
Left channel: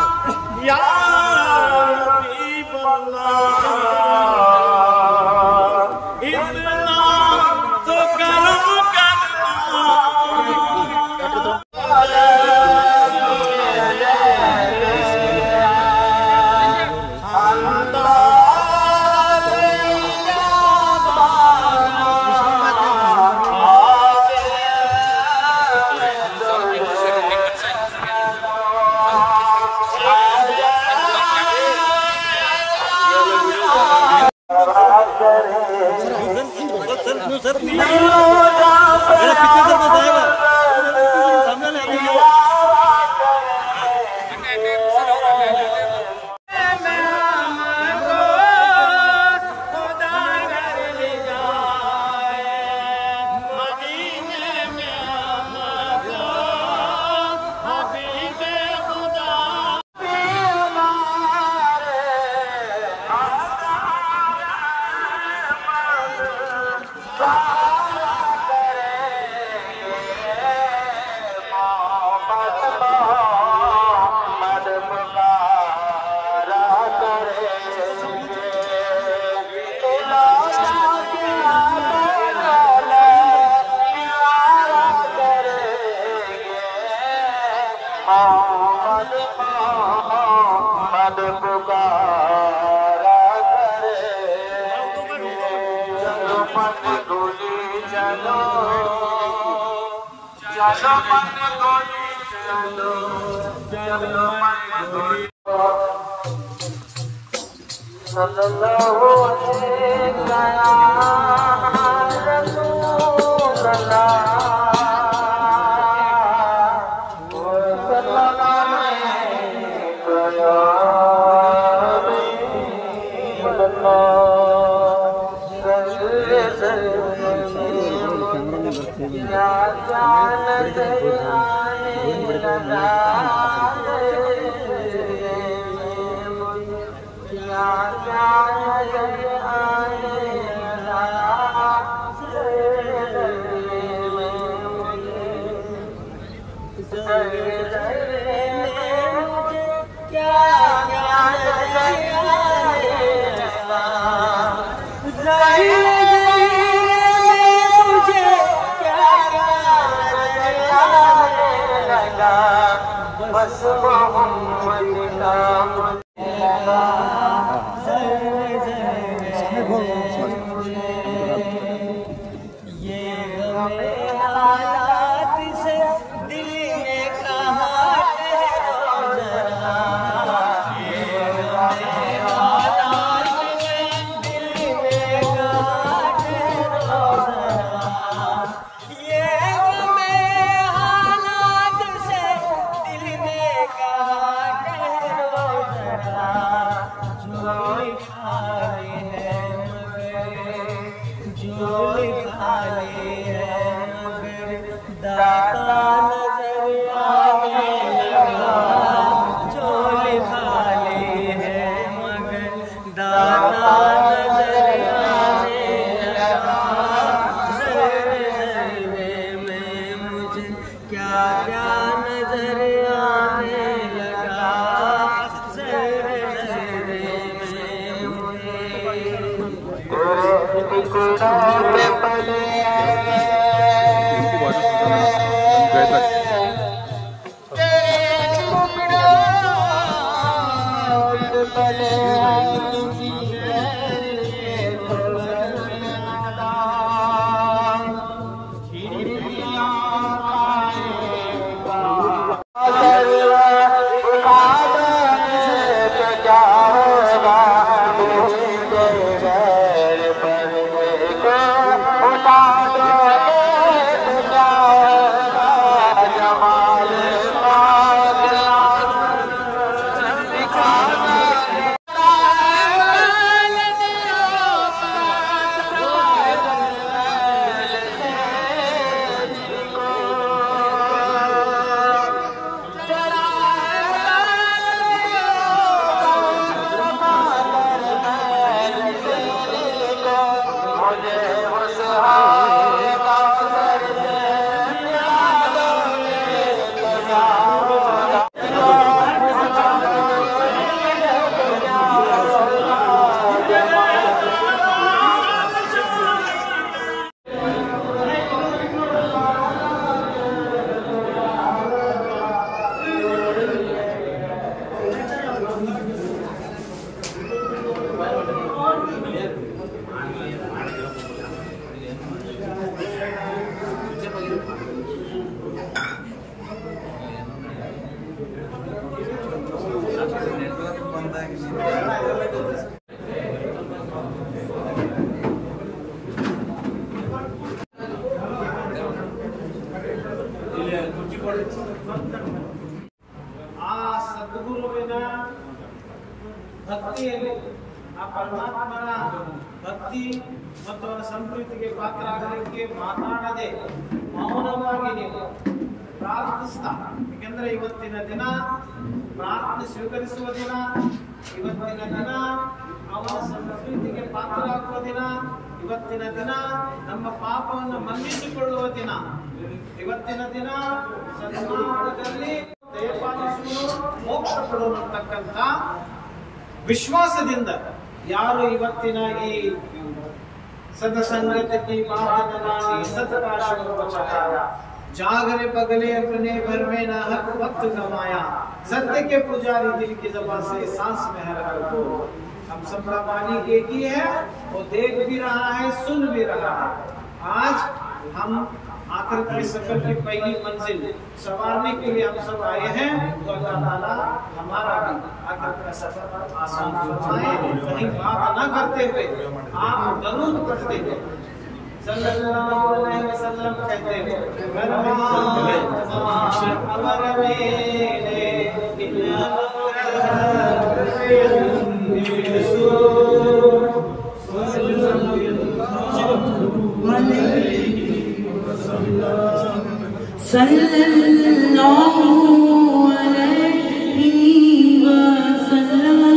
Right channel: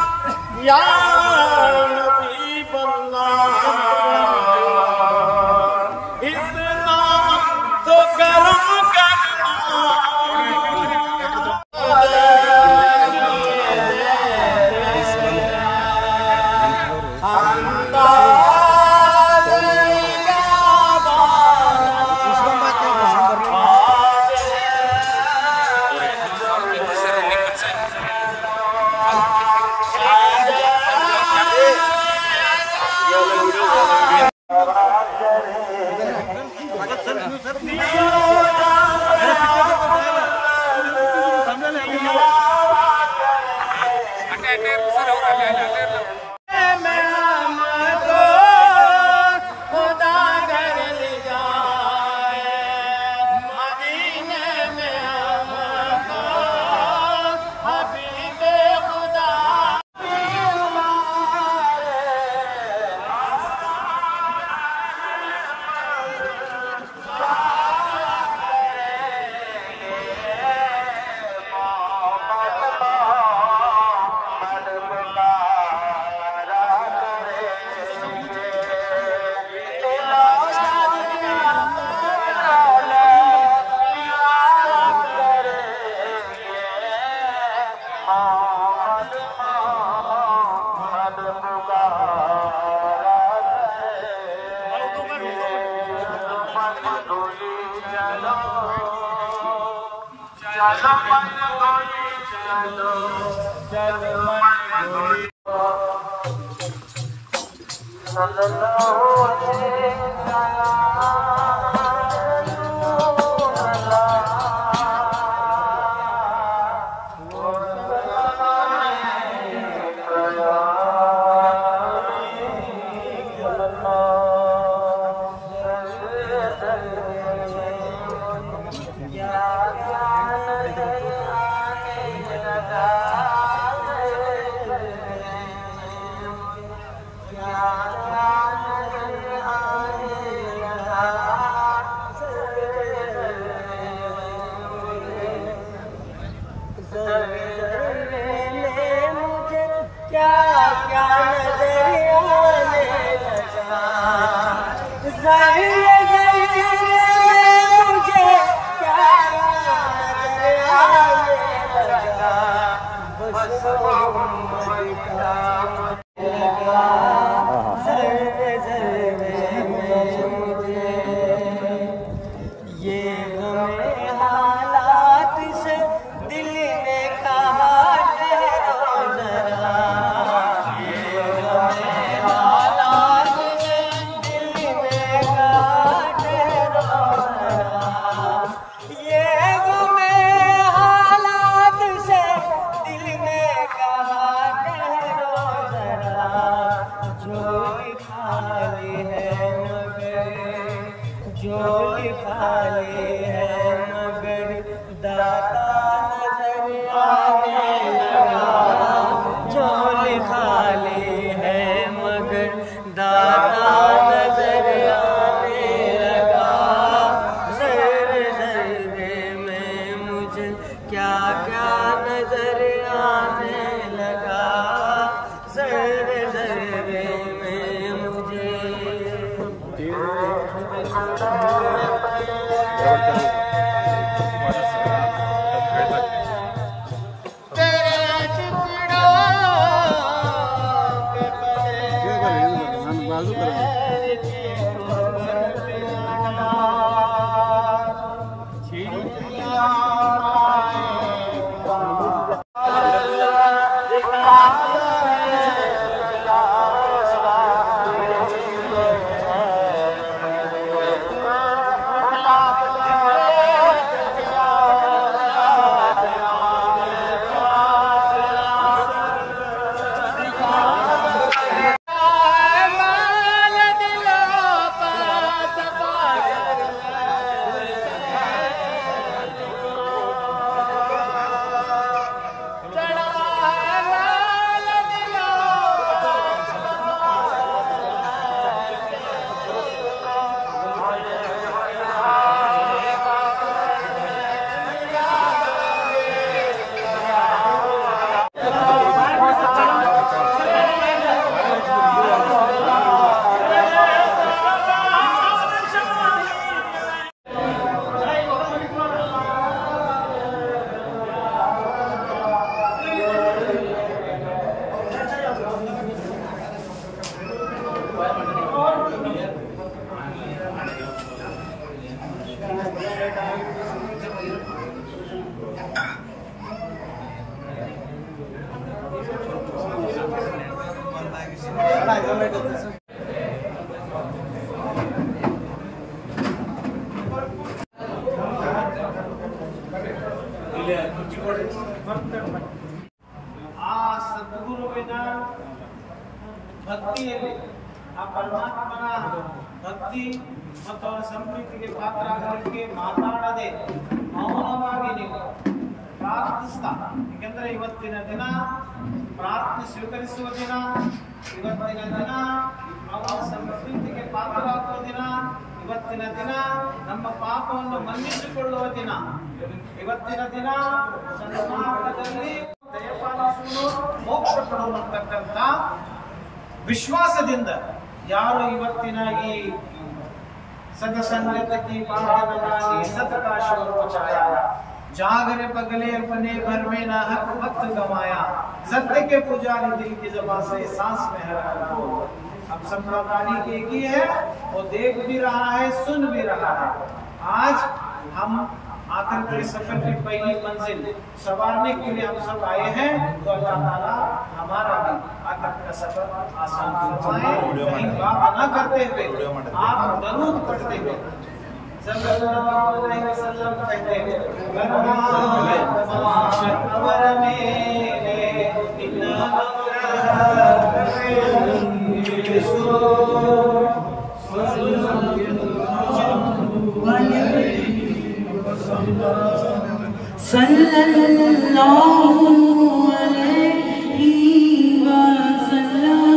या हबीब अल्लाह इतना तो करम करना। ಆ ಸದ್ಗುರುವಿನ ಭಕ್ತಿಯಲ್ಲಿ ಆ ಪರಮಾತ್ಮನ ಭಕ್ತಿ ಮತ್ತು ಅವರ ಸಂಪ್ರೀತಿಗೆ ಪಾತ್ರ ಆಗಲಿಕ್ಕೆ ಮಾತಾಡದೆ ಮೌನವಾಗಿ ನೀವು ಪ್ರಾರ್ಥಿಸ್ತಾ, ಯಾಕೆಂದ್ರೆ ಇವತ್ತಿನ ದಿನ ಪ್ರಾರ್ಥನೆ ಸ್ವೀಕರಿಸುವ ದಿನ, ಇವತ್ತಿನ ದಿನ ಅವರ ಸಂಪ್ರೀತಿಗೆ ಪಾತ್ರ ಆಗುವ ದಿನ, ಇವತ್ತಿನ ದಿನ ನಮ್ಮ ಪಾಪವನ್ನು ಮನ್ನಿಸಿಕೊಳ್ಳುವ ದಿನ, ಇವತ್ತಿನ ದಿನ ಸನ್ಮಾರ್ಗದಲ್ಲಿ ದಯಪಾಲಿಸುವುದು ಮೋಕ್ಷ ಪಡುವಂತಕ್ಕಂಥ ವಿಶ್ವಾಸದಿಂದ ಯಾರು ಇವತ್ತಿನ ಈ सत्संगत की बात बनानी सत का शोर मचाया, जागरे पगले अपने घर में ना हक वक्त गवाया, सत्य के पुजारी दिल की ज़बान से सांस में हर हर बोल। हम सबका मालिक एक ही है, वो देख भी रहा है, सुन भी रहा है। आज हम आखिर के सफर की पहली मंजिल संवारने के लिए हम सब आए हैं। तो अल्लाह ताला हमारा भी आखिर का सफर आसान फरमाए। कहीं बात न करते हुए आप दरूद पढ़ते हुए सल्लल्लाहु अलैहि वसल्लम कहते हैं सल्लल्लाहु अलैहि वसल्लम।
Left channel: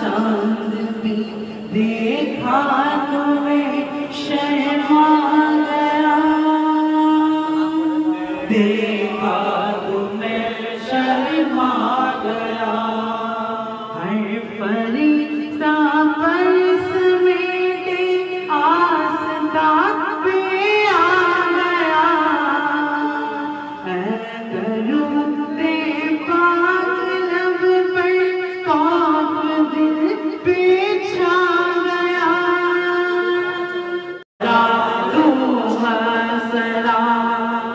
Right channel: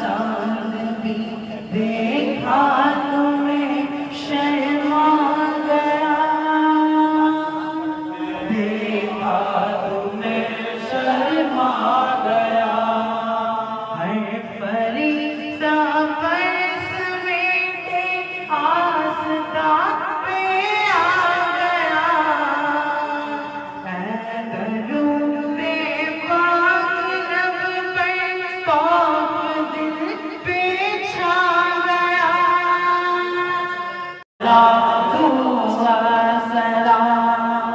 चांद भी देखा तुम्हें शर्मा गया, देखा तुम्हें शर्मा गया। हर फरिश्ता बरसने के आस्तान पे आ गया। ऐ दरूदे पाक लब पर पाक दिल पे छा गया। सलाम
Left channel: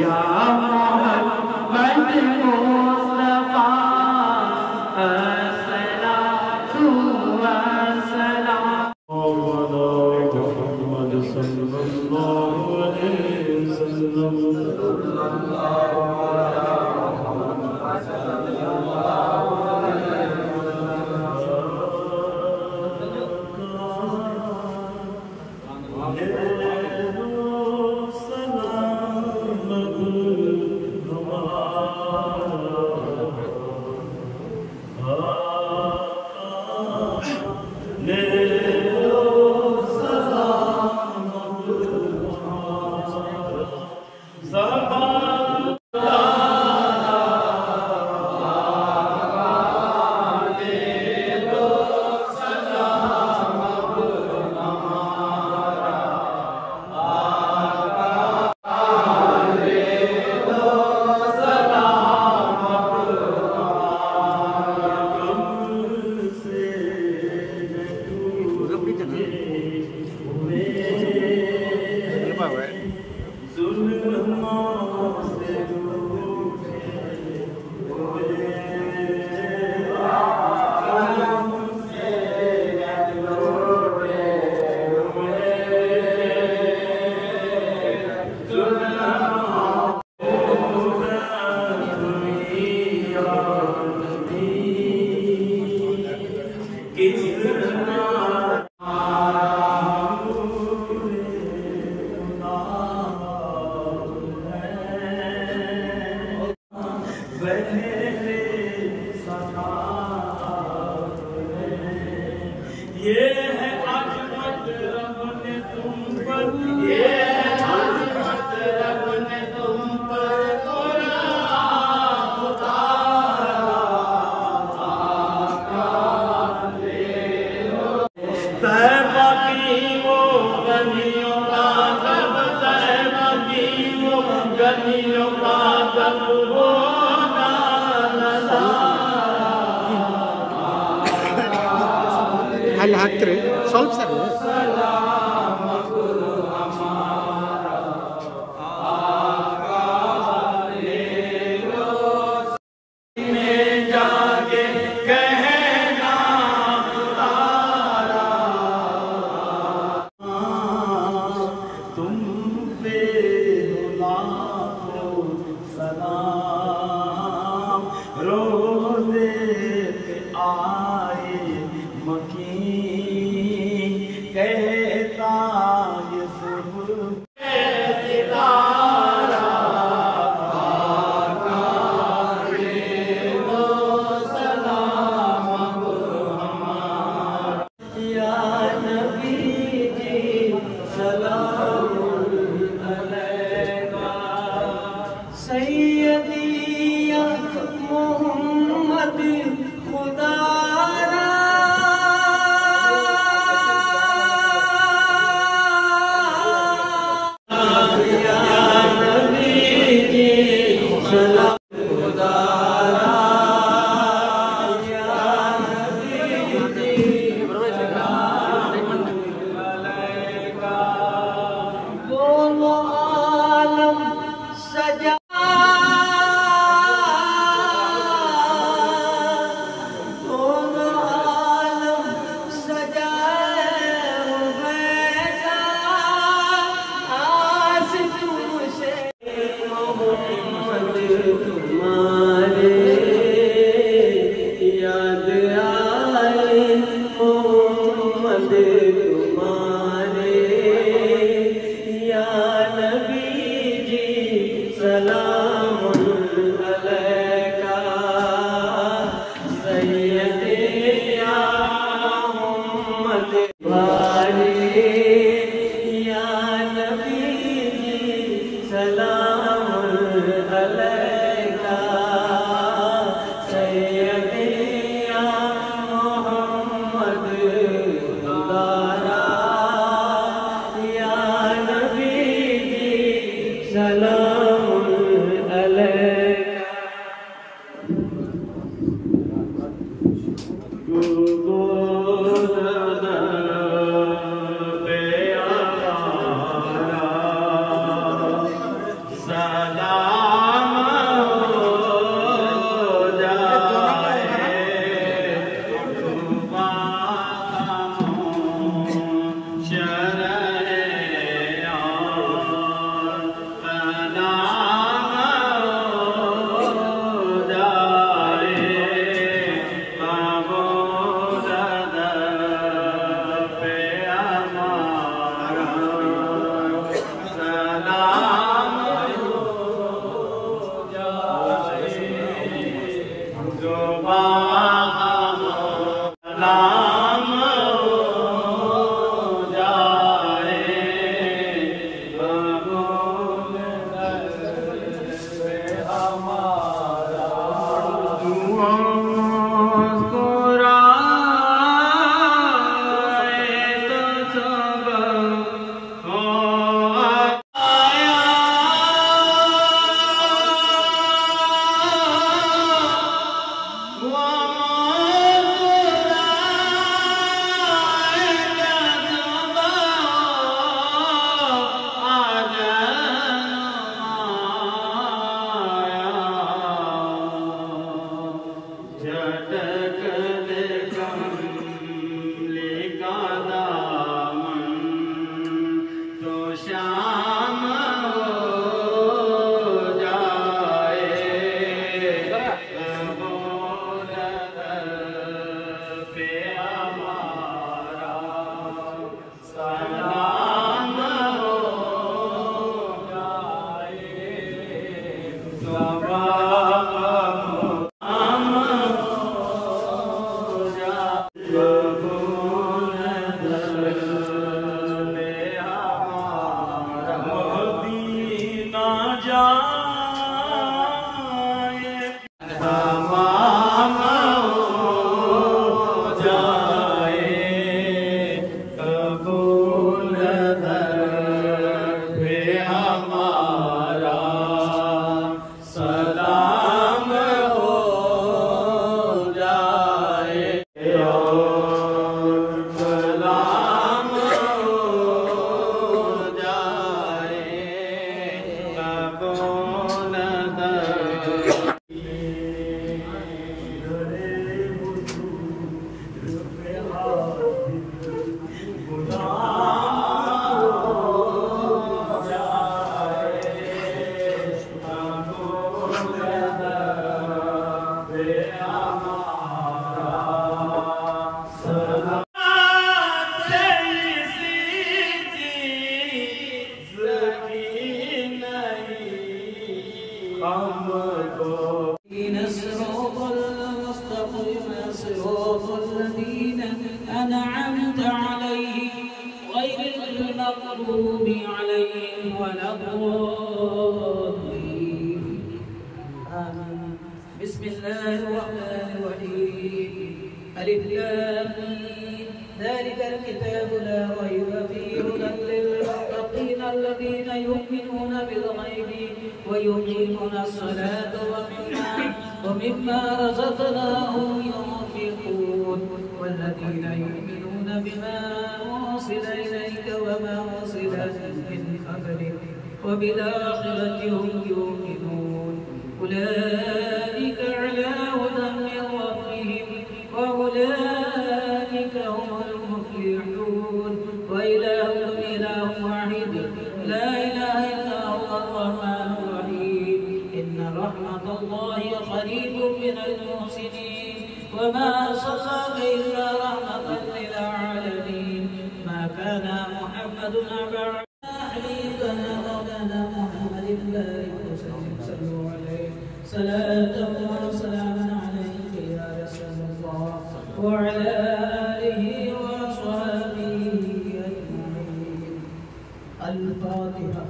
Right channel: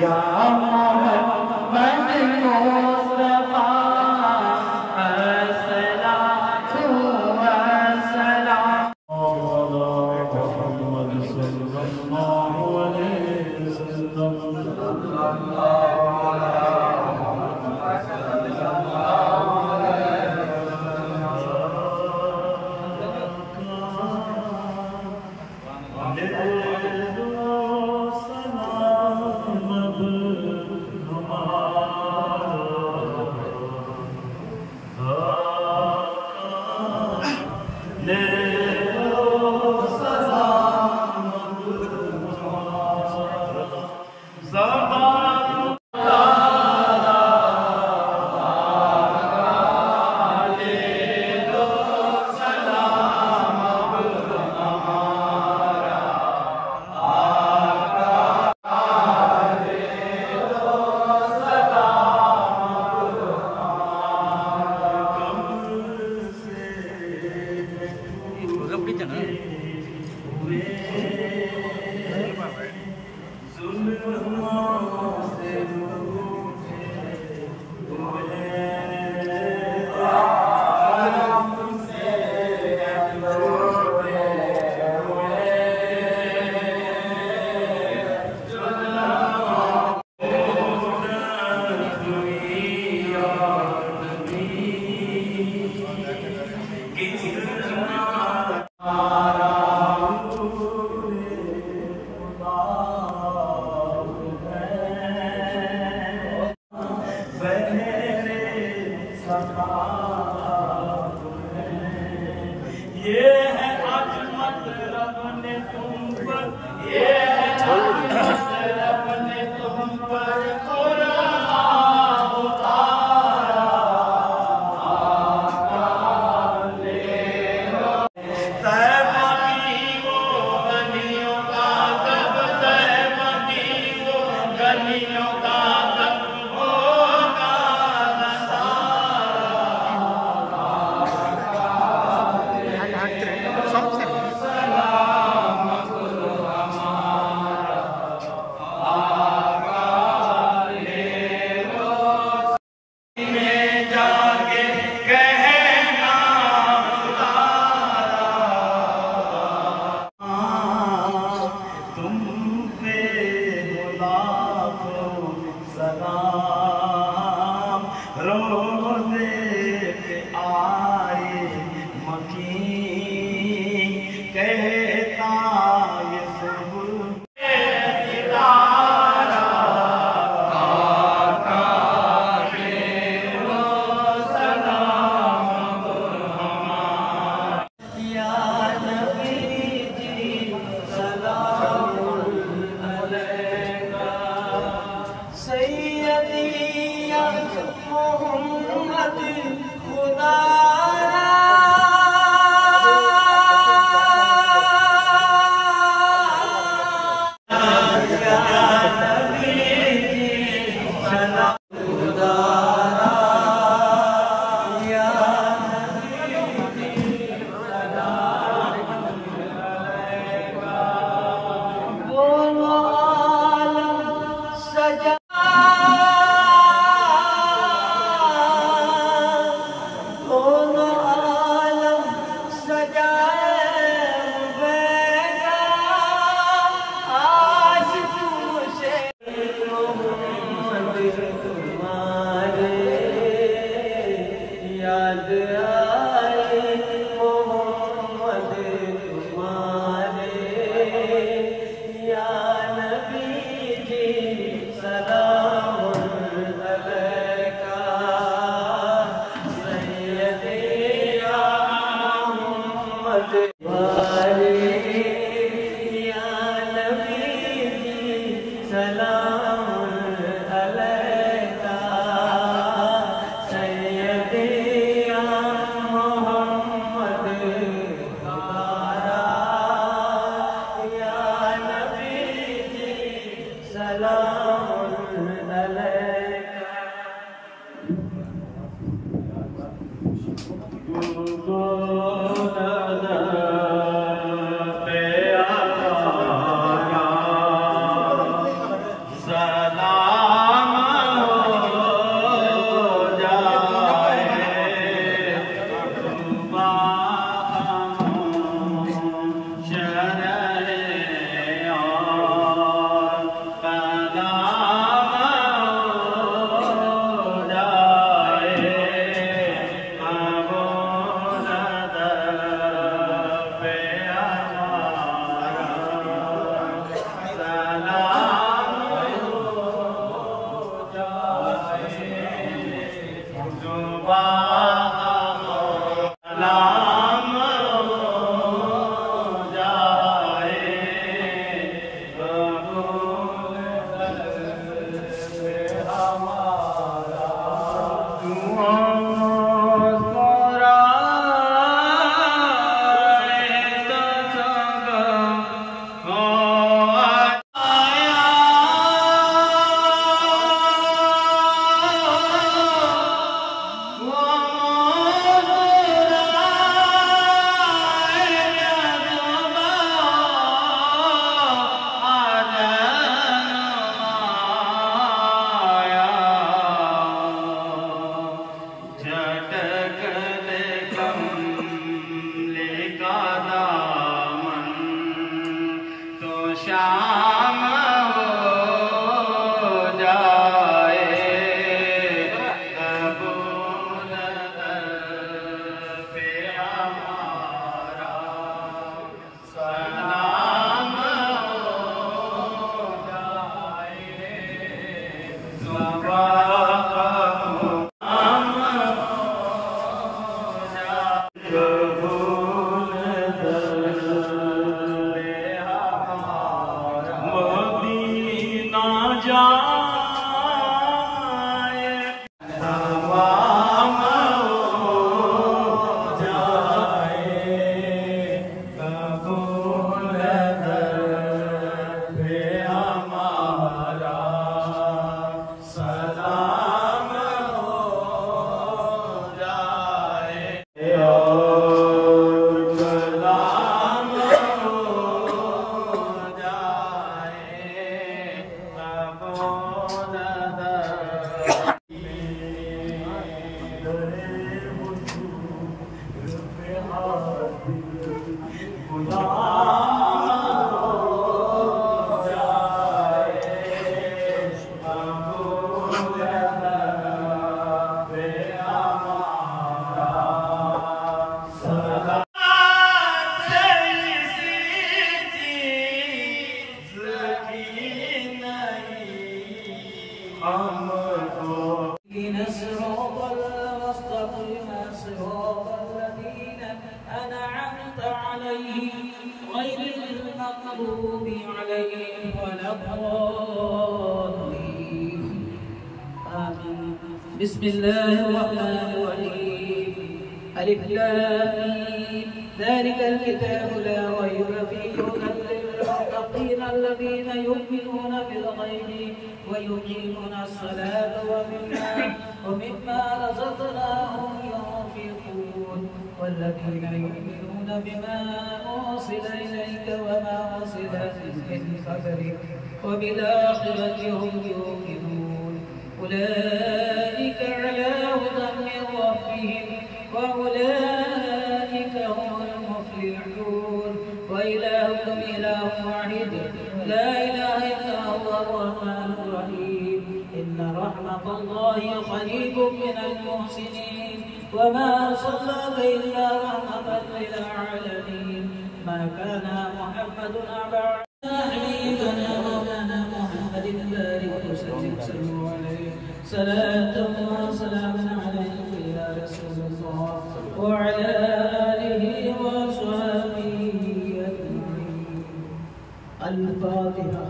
या मोहम्मद मुस्तफा, अस्सलातु वस्सलाम। मोहम्मद सल्लल्लाहु अलैहि वसल्लम। ये है अजमत रब ने तुम पर, ये है अजमत रब ने तुम पर कुरान उतारा। आका ले लो तैबा की वो गलियों का जब, तैबा की वो गलियों का जब होगा नज़ारा। जाके कहना तुम पे लाखों सलाम। रोज़े पे आए मकी कहता ये सुबह सितारा। सैयदिया मोहम्मद खुदारा, या नबी जी सलाम खुदारा, या नबी जी सलाम अलैका। वो आलम सजा हमको الصراط المستقيم صراط الذين أنعمت عليهم غير المغضوب عليهم ولا الضالين آمين. بسم الله الرحمن الرحيم. ألف لام ميم. ذلك الكتاب لا ريب فيه هدى للمتقين الذين يؤمنون بالغيب ويقيمون الصلاة ومما رزقناهم ينفقون والذين يؤمنون بما أرسل إليك وما أرسل من قبلك وبالآخرة هم يوقنون أولئك على هدى من ربهم وأولئك هم المفلحون. وإلهكم إله واحد لا إله إلا هو الرحمن الرحيم. إن رحمة الله قريب من المحسنين وما أرسلناك إلا رحمة للعالمين. ما كان محمد أبا حبيبنا مولانا محمد بارك وسلم صلوا عليه صلاة وسلاما عليك يا رسول الله وعلى آله وأصحابه أجمعين. الفاتحة.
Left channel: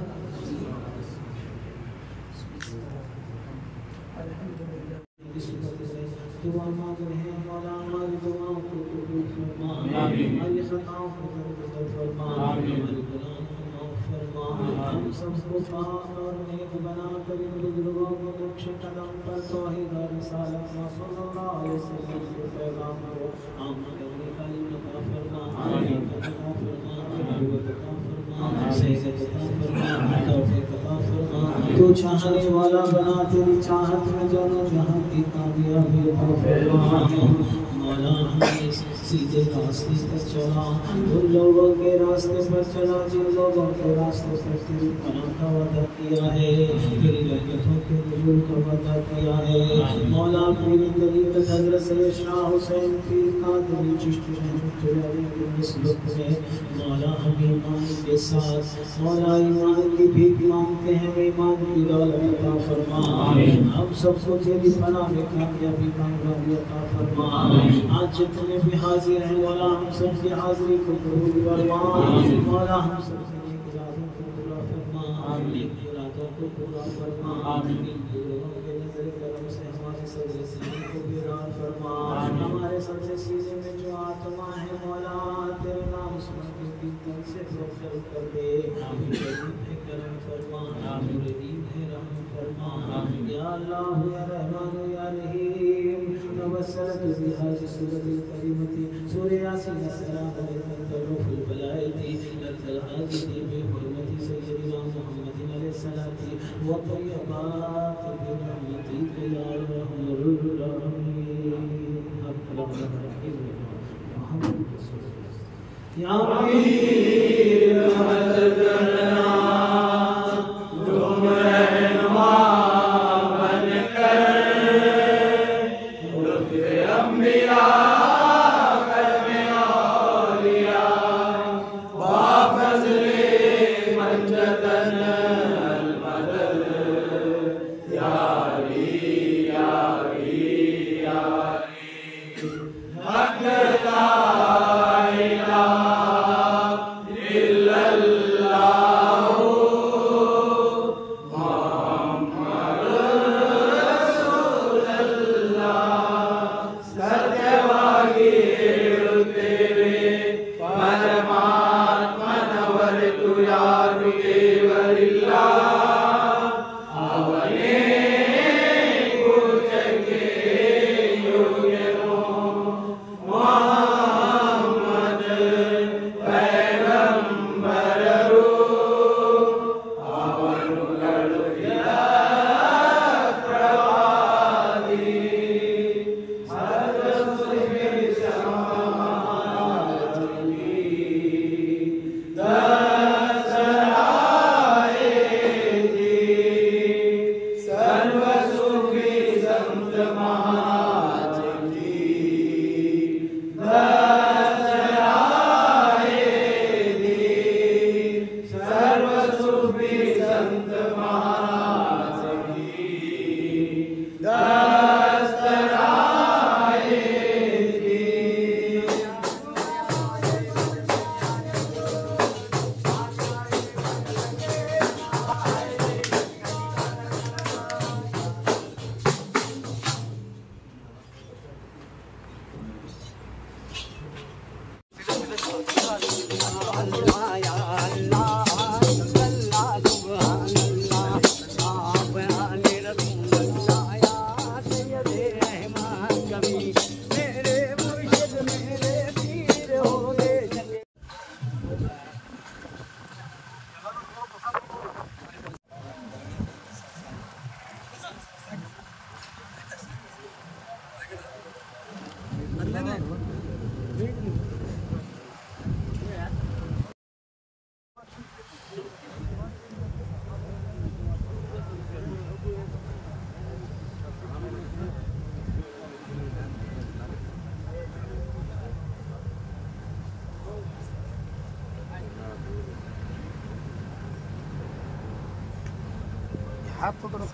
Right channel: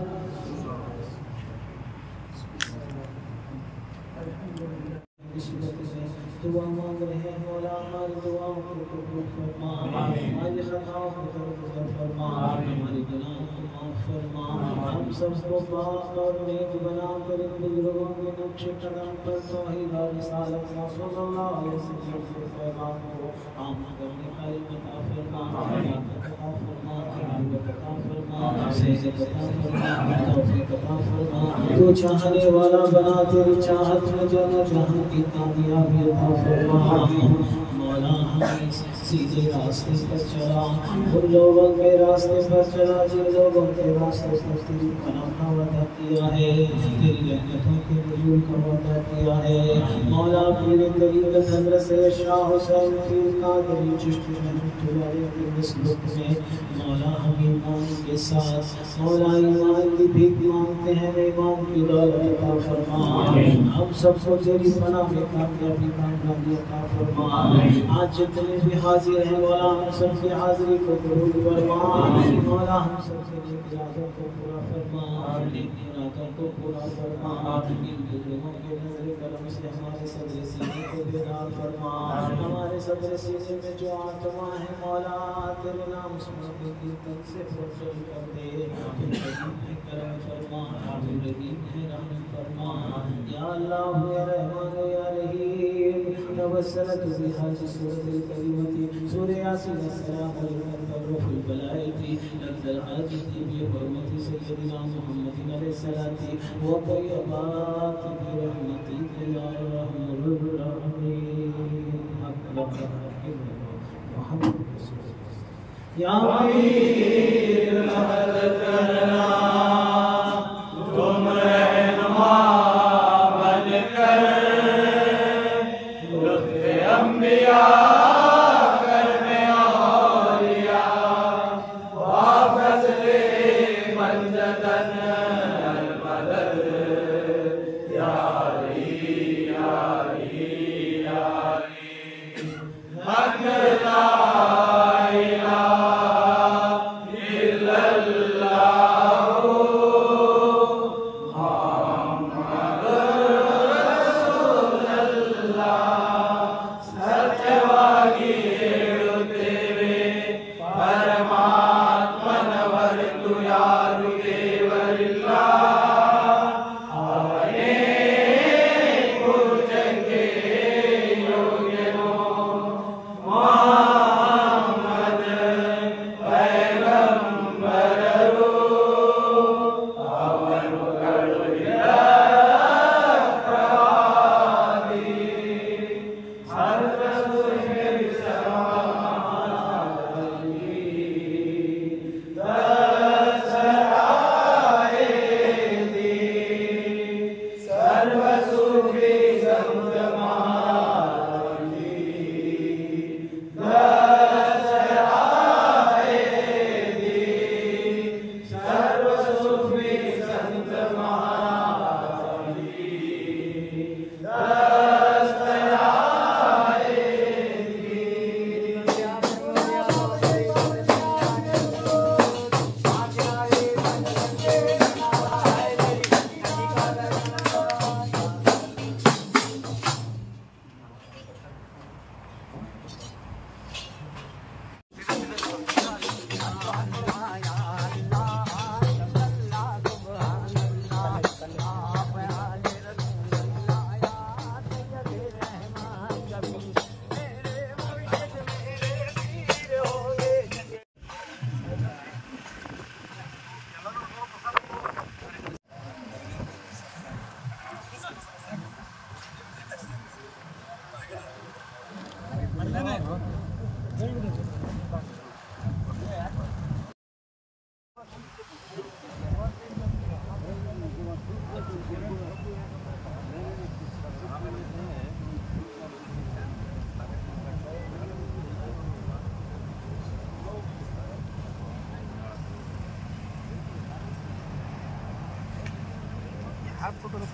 الحمد لله. दुआ मांग रहे हैं मौला हमारी दुआओं को कबूल फरमा, हमारी खताओं को दरगुजर फरमा, हमारी गुनाहों को माफ फरमा। हम सबको पाक और नेक बना कर इन बुजुर्गों के नक्शे कदम पर तौहीद और रिसालत सल्लल्लाहु अलैहि वसल्लम के पैगाम को आम करने का अता फरमा, अता फरमा, अता फरमा, सेहत अता फरमा, तौफीक अता फरमा। तो चाहने वाला बना तेरी चाहत में जाना जहां की कामयाबी अता फरमा। मौला हमें सीधे रास्ते पर चला, उन लोगों के रास्ते पर चला जिन लोगों के रास्ते पर तेरी पनाह का वादा किया है, तेरी रहमतों के नज़ूल का वादा किया है। मौला पीर तरीक़त हज़रत सैयद शाह हुसैन पीर कादरी चिश्ती रहमतुल्लाह अलैह की निस्बत में मौला हम ईमान के साथ मौला ईमान की भीख मांगते हैं, ईमान की दौलत अता फरमा। हम सबको तेरी पनाह में कामयाबी कामयाबी अता फरमा। आज जितने भी हाजिर हैं मौला हम सबकी हाजिरी को कबूल फरमा। मौला हम सबके नेक इरादों को पूरा फरमा, नेक इरादों को पूरा फरमा। इन बुजुर्गों के नजर करम से हमारे सदर सीने को बेदार फरमा। हमारे सदर सीने में जो आत्मा है मौला तेरे नाम सुन के कीर्तन से फरफर कर दे। रहीम है करम फरमा, रहीम है रहम फरमा। या अल्लाह या रहमान या रहीम तवस्सलत बिहाज़ी सूरतिल करीमती सूरह यासीन अस्सलामु अलैकुम तरुफुल बलाइती लक्दल हाजिती बिहुरमति सय्यदिना मुहम्मदिन अलैहिस्सलाती व तय्यबात बिरहमती या रहमुर रहीम। अकरम रहीम मुहम्मद या मीर रहमत करना तुम रहनुमा बनकर लुत्फ़े अंबिया करमे औलिया वाफज़ले पंजतन मदद यारी यारी यारी हक ला इलाहा इल्लल्लाह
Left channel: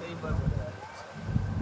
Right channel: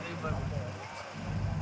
सही बात है।